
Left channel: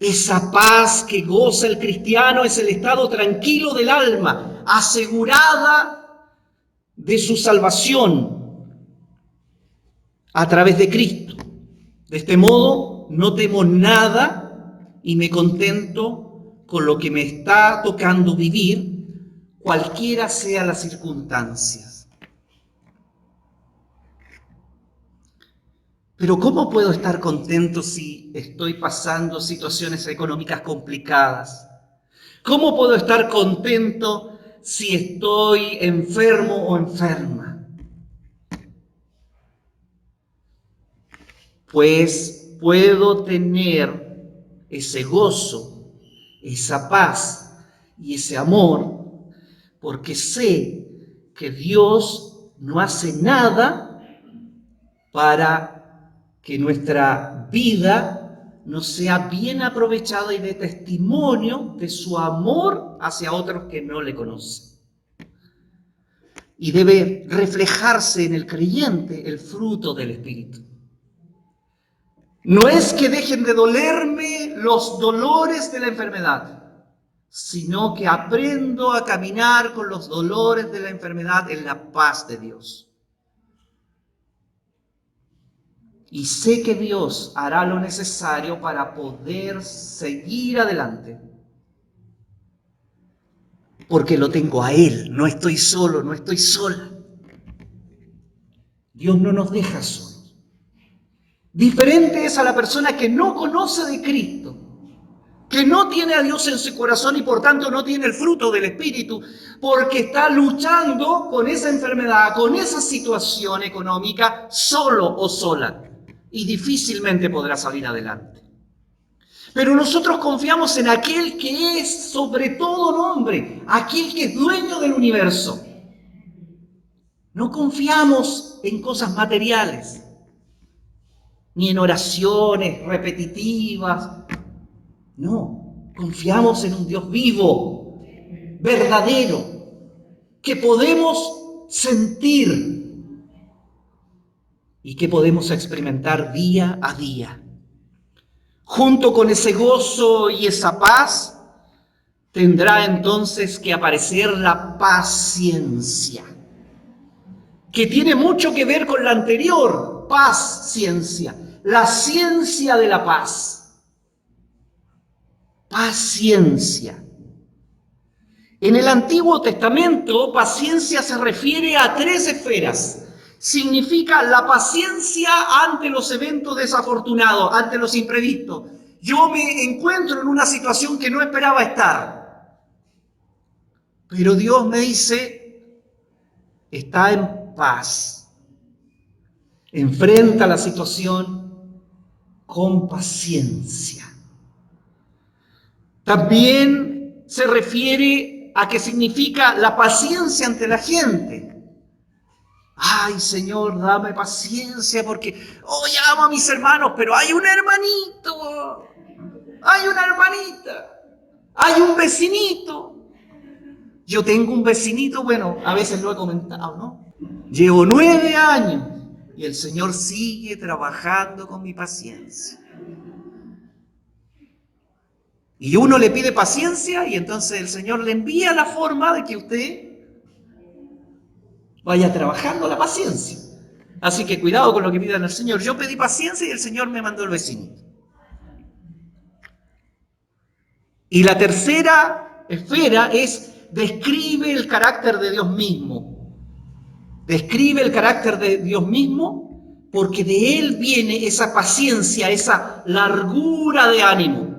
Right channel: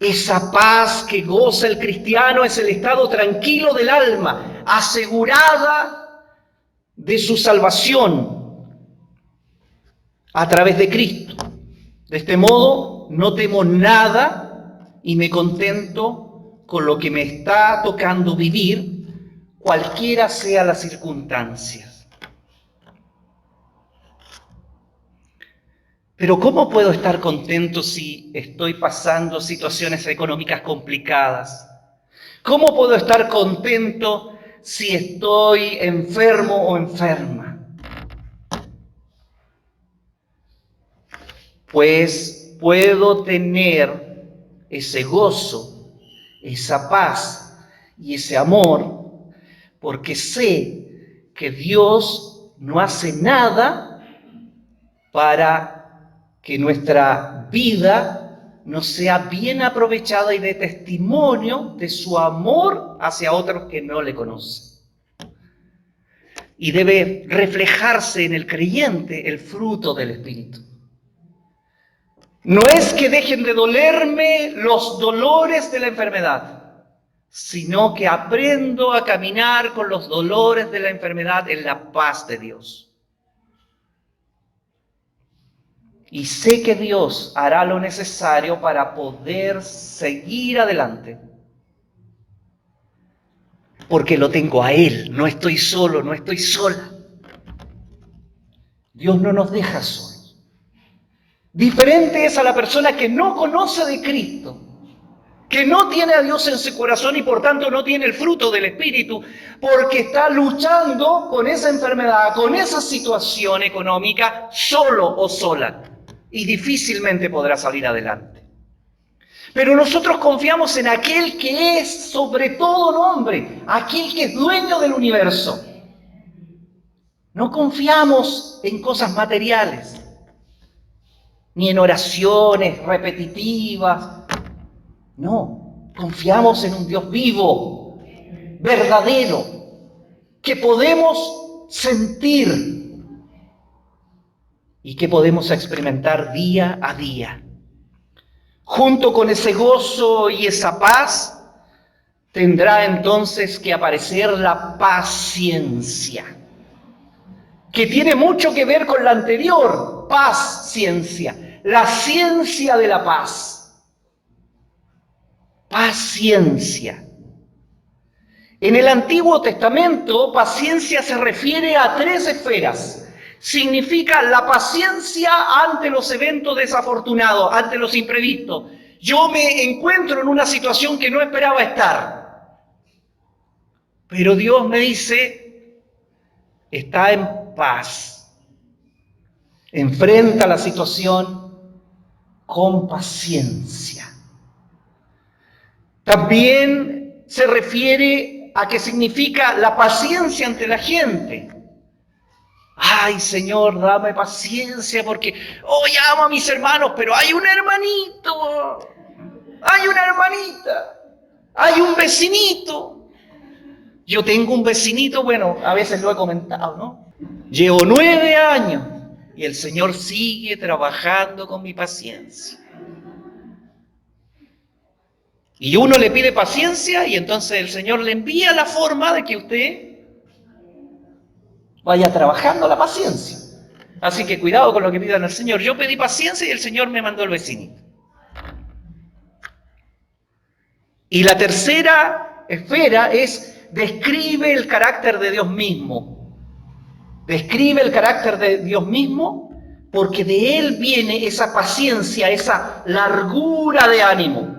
Esa paz que goza el cristiano es el estado tranquilo del alma, asegurada de su salvación a través de Cristo. De este modo, no temo nada y me contento con lo que me está tocando vivir, cualquiera sea las circunstancias. Pero ¿cómo puedo estar contento si estoy pasando situaciones económicas complicadas? ¿Cómo puedo estar contento si estoy enfermo o enferma? Pues puedo tener ese gozo, esa paz y ese amor, porque sé que Dios no hace nada para que nuestra vida no sea bien aprovechada y de testimonio de su amor hacia otros que no le conocen. Y debe reflejarse en el creyente el fruto del Espíritu. No es que dejen de dolerme los dolores de la enfermedad, sino que aprendo a caminar con los dolores de la enfermedad en la paz de Dios. Y sé que Dios hará lo necesario para poder seguir adelante. Porque lo tengo a Él, no estoy solo, no estoy sola. Dios no nos deja solos. Diferente es a la persona que no conoce de Cristo, que no tiene a Dios en su corazón y por tanto no tiene el fruto del Espíritu, porque está luchando con esa enfermedad, con esa situación económica, solo o sola, y difícilmente podrá salir adelante. Pero nosotros confiamos en aquel que es sobre todo nombre, aquel que es dueño del universo. No confiamos en cosas materiales, ni en oraciones repetitivas. No, confiamos en un Dios vivo, verdadero, que podemos sentir y que podemos experimentar día a día. Junto con ese gozo y esa paz, tendrá entonces que aparecer la paciencia, que tiene mucho que ver con la anterior, paciencia, la ciencia de la paz. Paciencia. En el Antiguo Testamento, paciencia se refiere a 3 esferas. Significa la paciencia ante los eventos desafortunados, ante los imprevistos. Yo me encuentro en una situación que no esperaba estar. Pero Dios me dice, está en paz. Enfrenta la situación con paciencia. También se refiere a que significa la paciencia ante la gente. Ay, Señor, dame paciencia porque hoy amo a mis hermanos, pero hay un hermanito, hay una hermanita, hay un vecinito. Yo tengo un vecinito, bueno, a veces lo he comentado, ¿no? Llevo 9 años y el Señor sigue trabajando con mi paciencia. Y uno le pide paciencia y entonces el Señor le envía la forma de que usted vaya trabajando la paciencia. Así que cuidado con lo que pidan al Señor. Yo pedí paciencia y el Señor me mandó el vecinito. Y la tercera esfera es, describe el carácter de Dios mismo. Describe el carácter de Dios mismo porque de Él viene esa paciencia, esa largura de ánimo.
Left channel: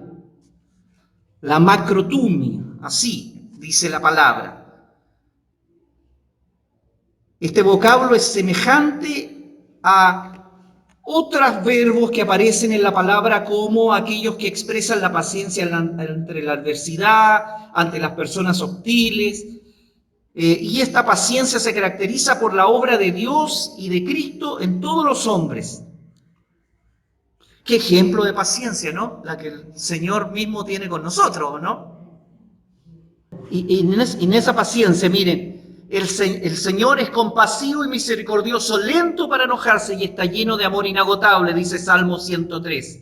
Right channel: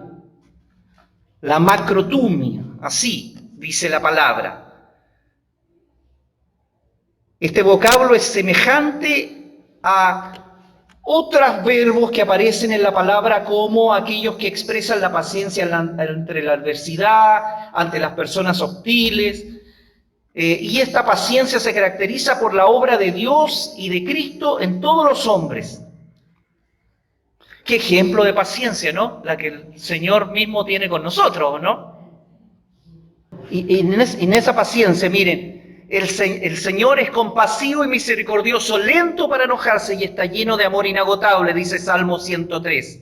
La macrotumia, así dice la palabra. Este vocablo es semejante a Otros verbos que aparecen en la palabra como aquellos que expresan la paciencia entre la adversidad, ante las personas hostiles. Y esta paciencia se caracteriza por la obra de Dios y de Cristo en todos los hombres. Qué ejemplo de paciencia, ¿no? La que el Señor mismo tiene con nosotros, ¿no? Y en esa paciencia, miren, el Señor es compasivo y misericordioso, lento para enojarse y está lleno de amor inagotable, dice Salmo 103.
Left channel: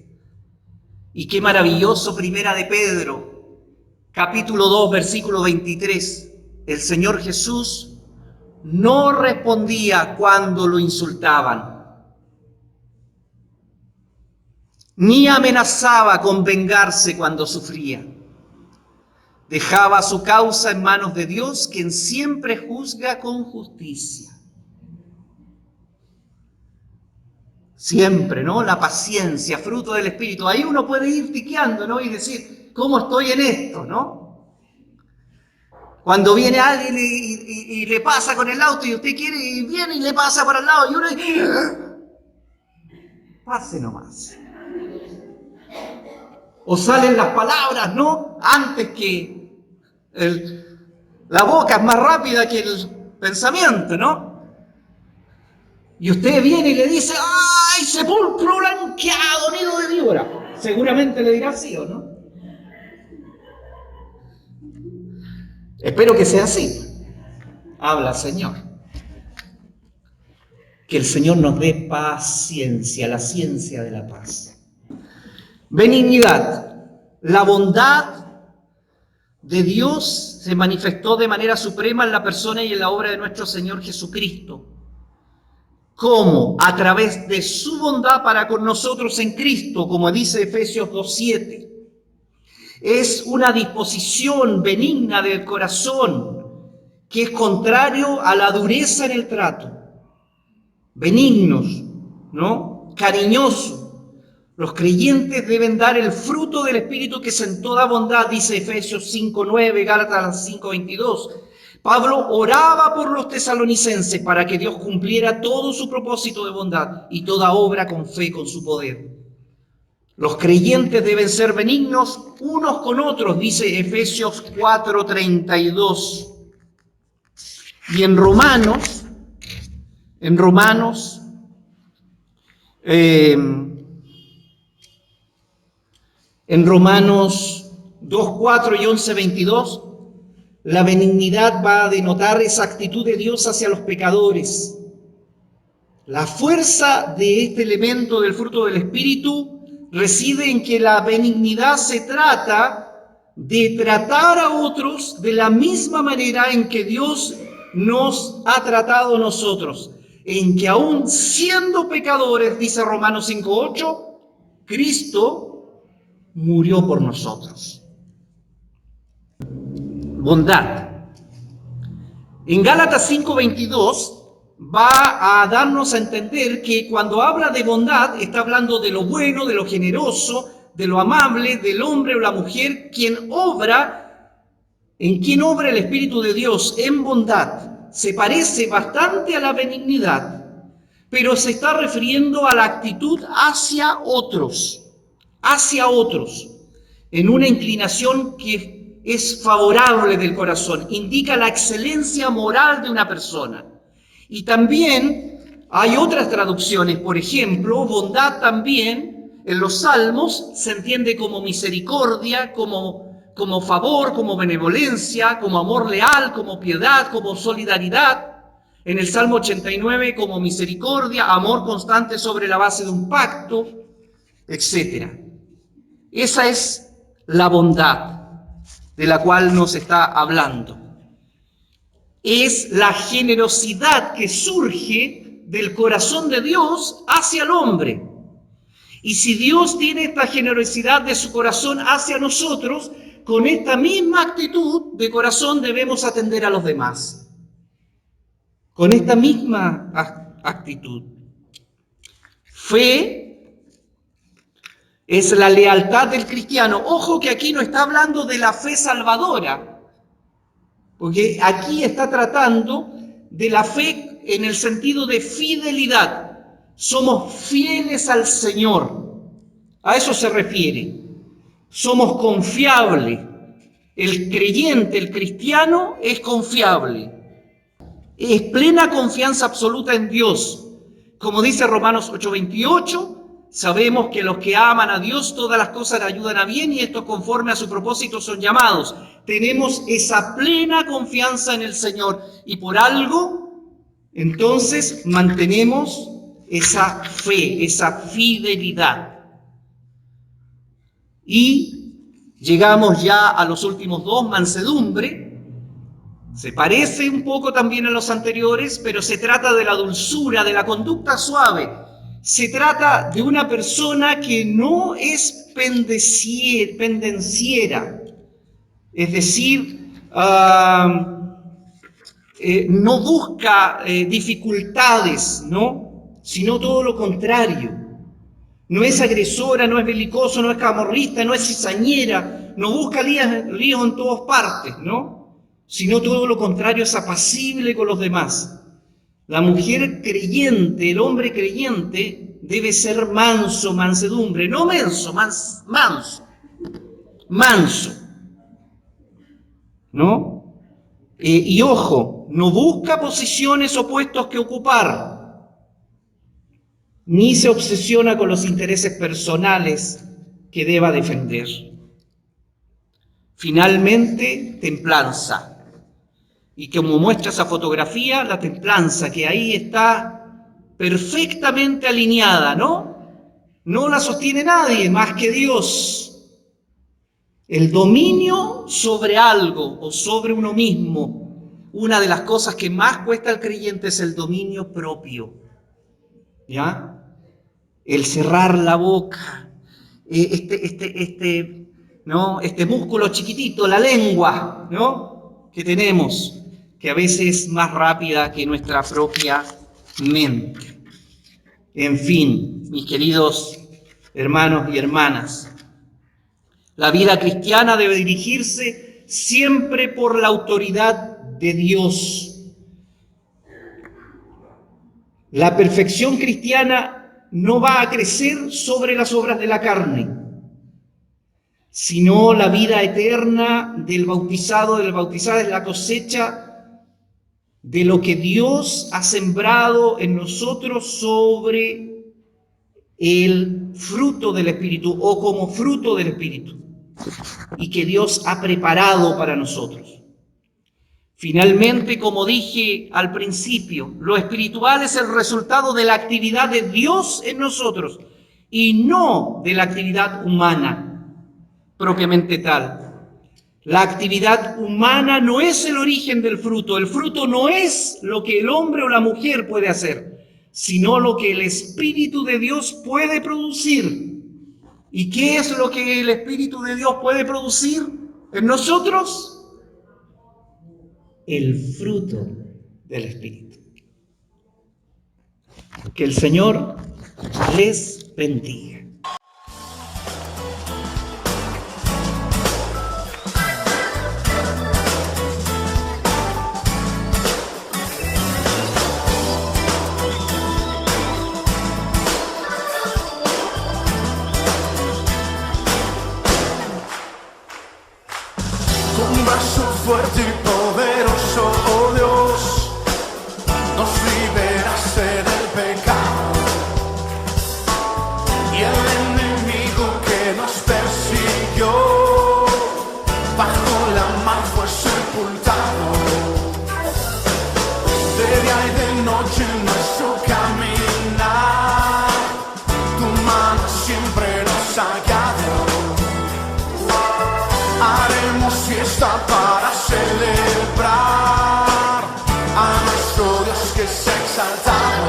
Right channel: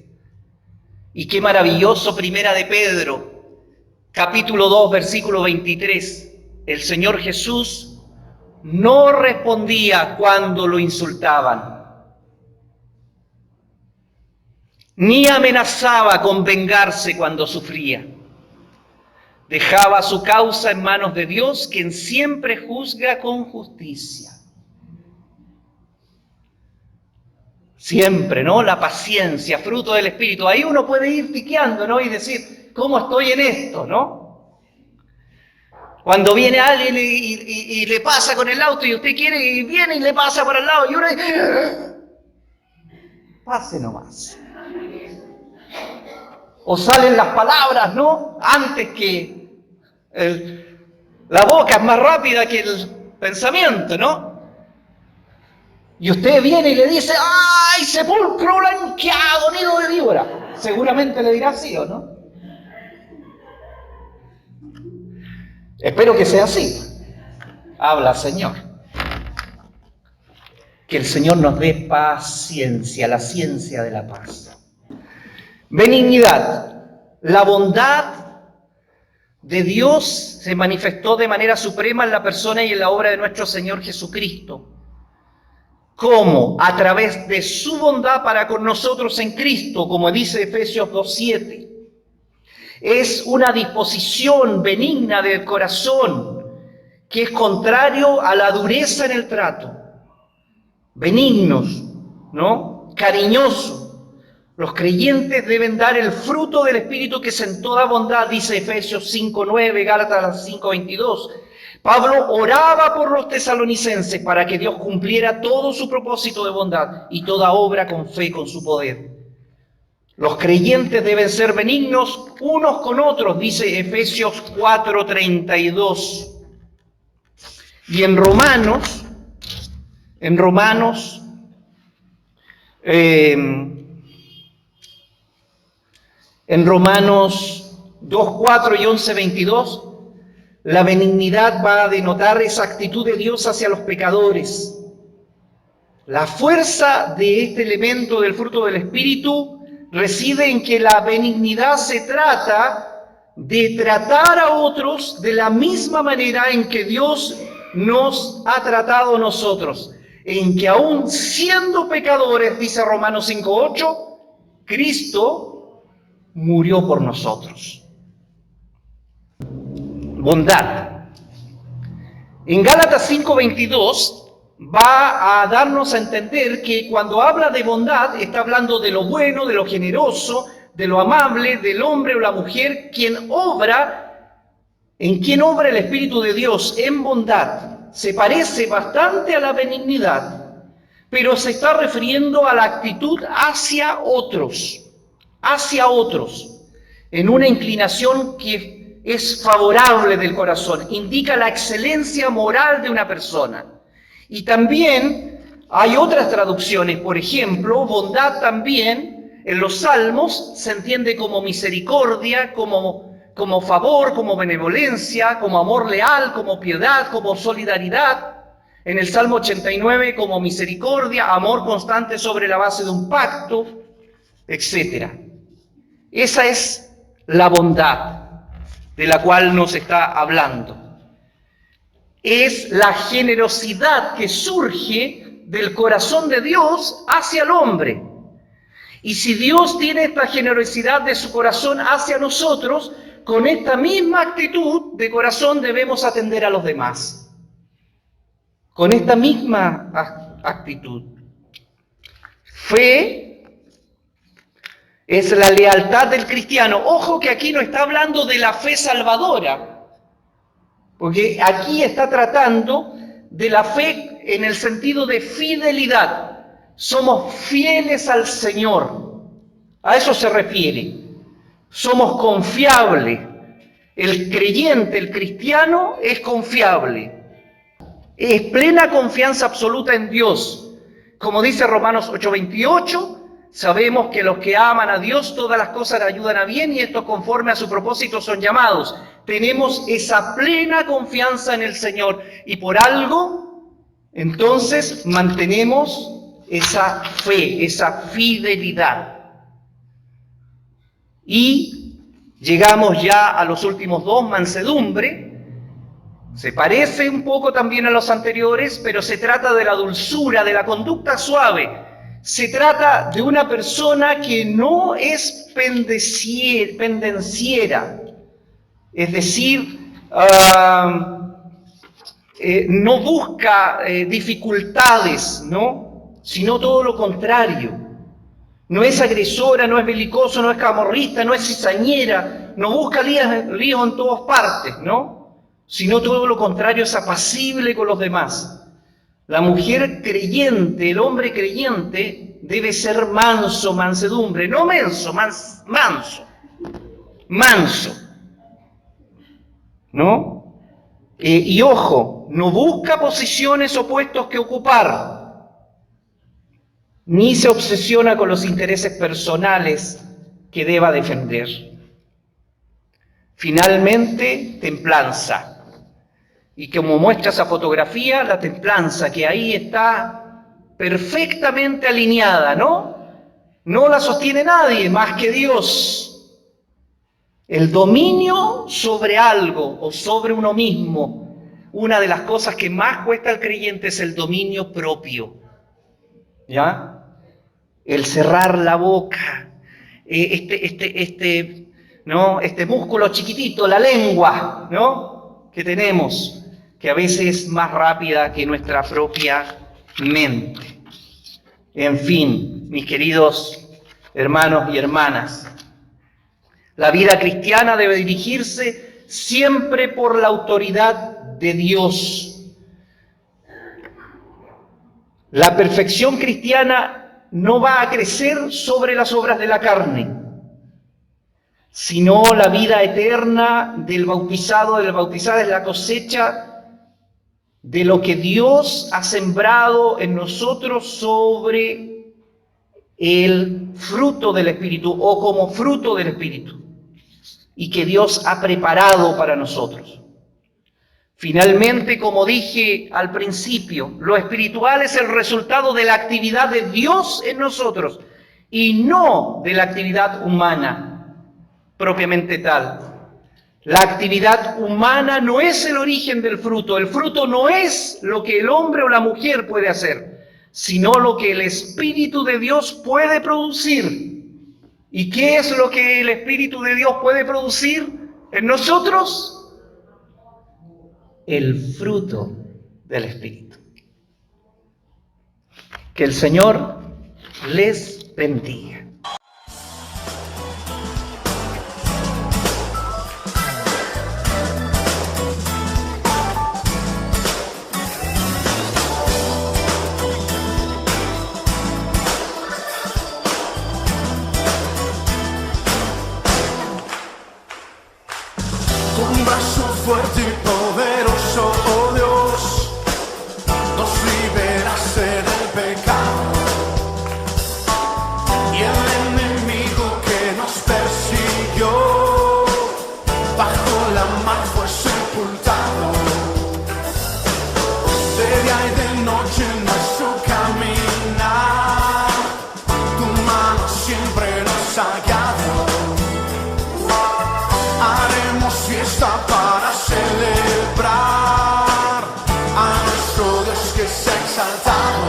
Y qué maravilloso, Primera de Pedro, capítulo 2, versículo 23. El Señor Jesús no respondía cuando lo insultaban, ni amenazaba con vengarse cuando sufría. Dejaba su causa en manos de Dios, quien siempre juzga con justicia. Siempre, ¿no? La paciencia, fruto del Espíritu. Ahí uno puede ir tiqueando, ¿no? Y decir, ¿cómo estoy en esto, no? Cuando viene alguien y le pasa con el auto y usted quiere y viene y le pasa por al lado y uno dice, pase nomás. O salen las palabras, ¿no? Antes que la boca es más rápida que el pensamiento, ¿no? Y usted viene y le dice, ¡ay, sepulcro blanqueado, nido de víbora! Seguramente le dirá sí o no. Espero que sea así. Habla, Señor. Que el Señor nos dé paciencia, la ciencia de la paz. Benignidad. La bondad de Dios se manifestó de manera suprema en la persona y en la obra de nuestro Señor Jesucristo. ¿Cómo? A través de su bondad para con nosotros en Cristo, como dice Efesios 2:7. Es una disposición benigna del corazón que es contrario a la dureza en el trato. Benignos, ¿no? Cariñosos. Los creyentes deben dar el fruto del Espíritu que es en toda bondad, dice Efesios 5:9, Gálatas 5:22. Pablo oraba por los tesalonicenses para que Dios cumpliera todo su propósito de bondad y toda obra con fe, con su poder. Los creyentes deben ser benignos unos con otros, dice Efesios 4:32. Y en Romanos 2:4 y 11:22, la benignidad va a denotar esa actitud de Dios hacia los pecadores. La fuerza de este elemento del fruto del Espíritu reside en que la benignidad se trata de tratar a otros de la misma manera en que Dios nos ha tratado a nosotros, en que aún siendo pecadores, dice Romanos 5:8, Cristo murió por nosotros. Bondad. En Gálatas 5:22 va a darnos a entender que cuando habla de bondad está hablando de lo bueno, de lo generoso, de lo amable, del hombre o la mujer, en quien obra el Espíritu de Dios en bondad. Se parece bastante a la benignidad, pero se está refiriendo a la actitud hacia otros, en una inclinación que es favorable del corazón, indica la excelencia moral de una persona. Y también hay otras traducciones, por ejemplo, bondad también en los Salmos se entiende como misericordia, como favor, como benevolencia, como amor leal, como piedad, como solidaridad. En el Salmo 89 como misericordia, amor constante sobre la base de un pacto, etc. Esa es la bondad de la cual nos está hablando. Es la generosidad que surge del corazón de Dios hacia el hombre. Y si Dios tiene esta generosidad de su corazón hacia nosotros, con esta misma actitud de corazón debemos atender a los demás. Con esta misma actitud. Fe es la lealtad del cristiano. Ojo que aquí no está hablando de la fe salvadora, porque aquí está tratando de la fe en el sentido de fidelidad. Somos fieles al Señor. A eso se refiere. Somos confiables. El creyente, el cristiano, es confiable. Es plena confianza absoluta en Dios. Como dice Romanos 8:28, sabemos que los que aman a Dios, todas las cosas le ayudan a bien y estos conforme a su propósito son llamados. Tenemos esa plena confianza en el Señor y por algo, entonces, mantenemos esa fe, esa fidelidad. Y llegamos ya a los últimos dos, mansedumbre. Se parece un poco también a los anteriores, pero se trata de la dulzura, de la conducta suave. Se trata de una persona que no es pendenciera, es decir, no busca dificultades, ¿no? Sino todo lo contrario. No es agresora, no es belicoso, no es camorrista, no es cizañera, no busca líos en todas partes, ¿no? Sino todo lo contrario, es apacible con los demás. La mujer creyente, el hombre creyente, debe ser manso, mansedumbre, no menso, manso, ¿no? Y ojo, no busca posiciones o puestos que ocupar, ni se obsesiona con los intereses personales que deba defender. Finalmente, templanza. Y como muestra esa fotografía, la templanza que ahí está perfectamente alineada, ¿no? No la sostiene nadie más que Dios. El dominio sobre algo o sobre uno mismo. Una de las cosas que más cuesta al creyente es el dominio propio. ¿Ya? El cerrar la boca. ¿No? Este músculo chiquitito, la lengua, ¿no? Que tenemos, que a veces es más rápida que nuestra propia mente. En fin, mis queridos hermanos y hermanas, la vida cristiana debe dirigirse siempre por la autoridad de Dios. La perfección cristiana no va a crecer sobre las obras de la carne, sino la vida eterna del bautizado, de la bautizada, es la cosecha de lo que Dios ha sembrado en nosotros sobre el fruto del Espíritu o como fruto del Espíritu y que Dios ha preparado para nosotros. Finalmente, como dije al principio, lo espiritual es el resultado de la actividad de Dios en nosotros y no de la actividad humana propiamente tal. La actividad humana no es el origen del fruto. El fruto no es lo que el hombre o la mujer puede hacer, sino lo que el Espíritu de Dios puede producir. ¿Y qué es lo que el Espíritu de Dios puede producir en nosotros? El fruto del Espíritu. Que el Señor les bendiga. Con brazo fuerte y poderoso, oh Dios, nos liberaste del pecado y el enemigo que nos persiguió bajo la mar fue sepultado. De día y de noche nuestro caminar, tu mano siempre nos ha guiado. Haremos fiesta para celebrar a nuestro Dios que se ha exaltado.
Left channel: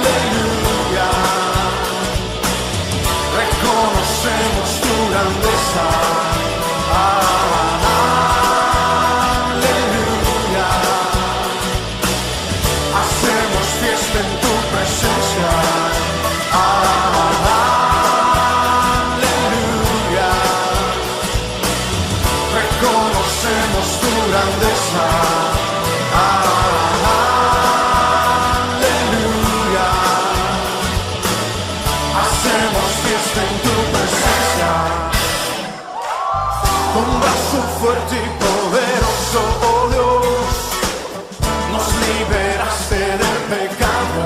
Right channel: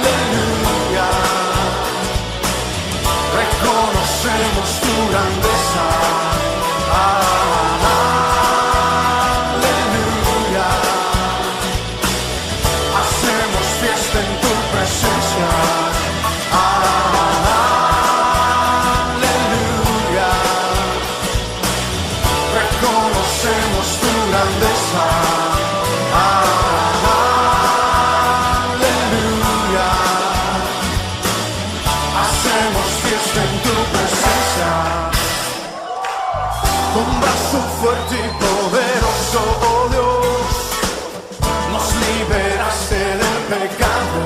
Aleluya. Reconocemos tu grandeza. Aleluya. Hacemos fiesta en tu presencia. Reconocemos tu grandeza. fuerte y poderoso, oh Dios, nos liberaste del pecado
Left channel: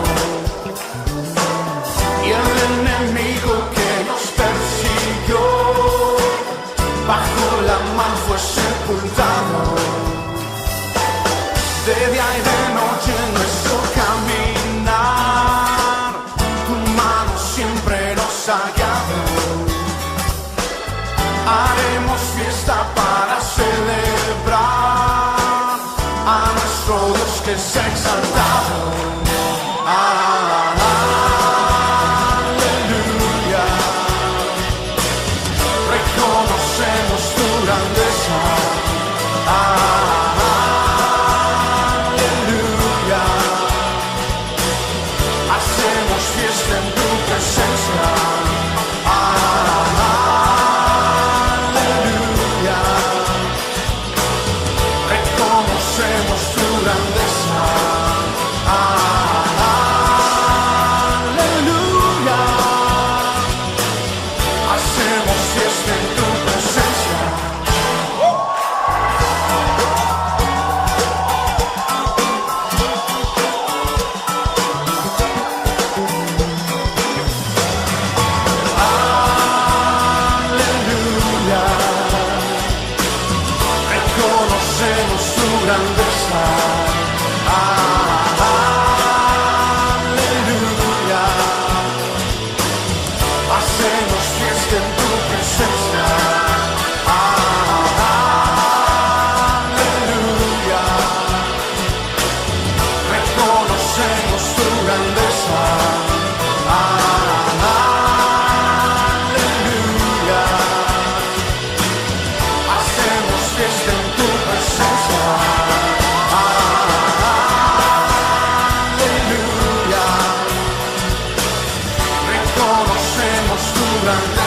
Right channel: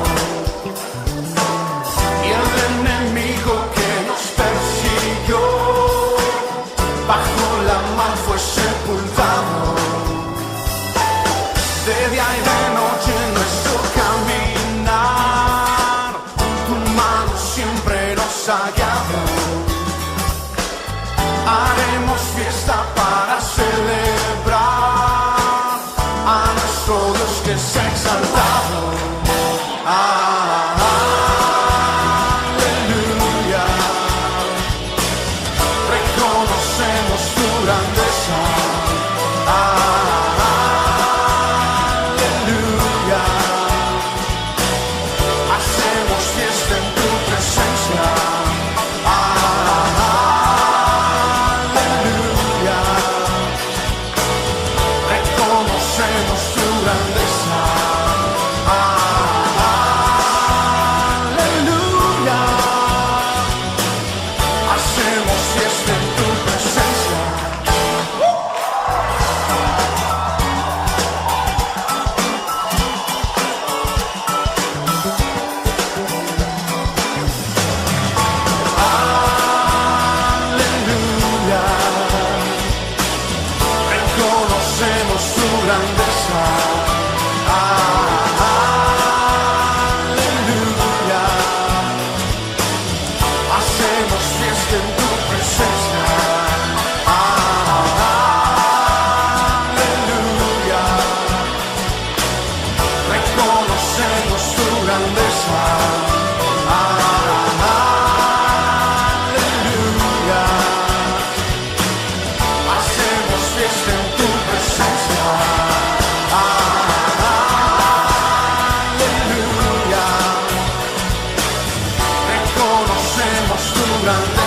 y el enemigo que nos persiguió bajo la mar fue sepultado. De día y de noche en nuestro caminar, tu mano siempre nos ha guiado. Haremos fiesta para celebrar a nuestro Dios que se ha exaltado. Aleluya. Reconocemos tu grandeza. Aleluya. Hacemos fiesta en tu presencia. Reconocemos tu grandeza. Aleluya. Hacemos fiesta en tu presencia. Aleluya. Reconocemos tu grandeza. Aleluya. Hacemos fiesta en tu presencia. Aleluya. Reconocemos tu grandeza. Aleluya. Hacemos fiesta en tu presencia. Aleluya. Reconocemos tu grandeza.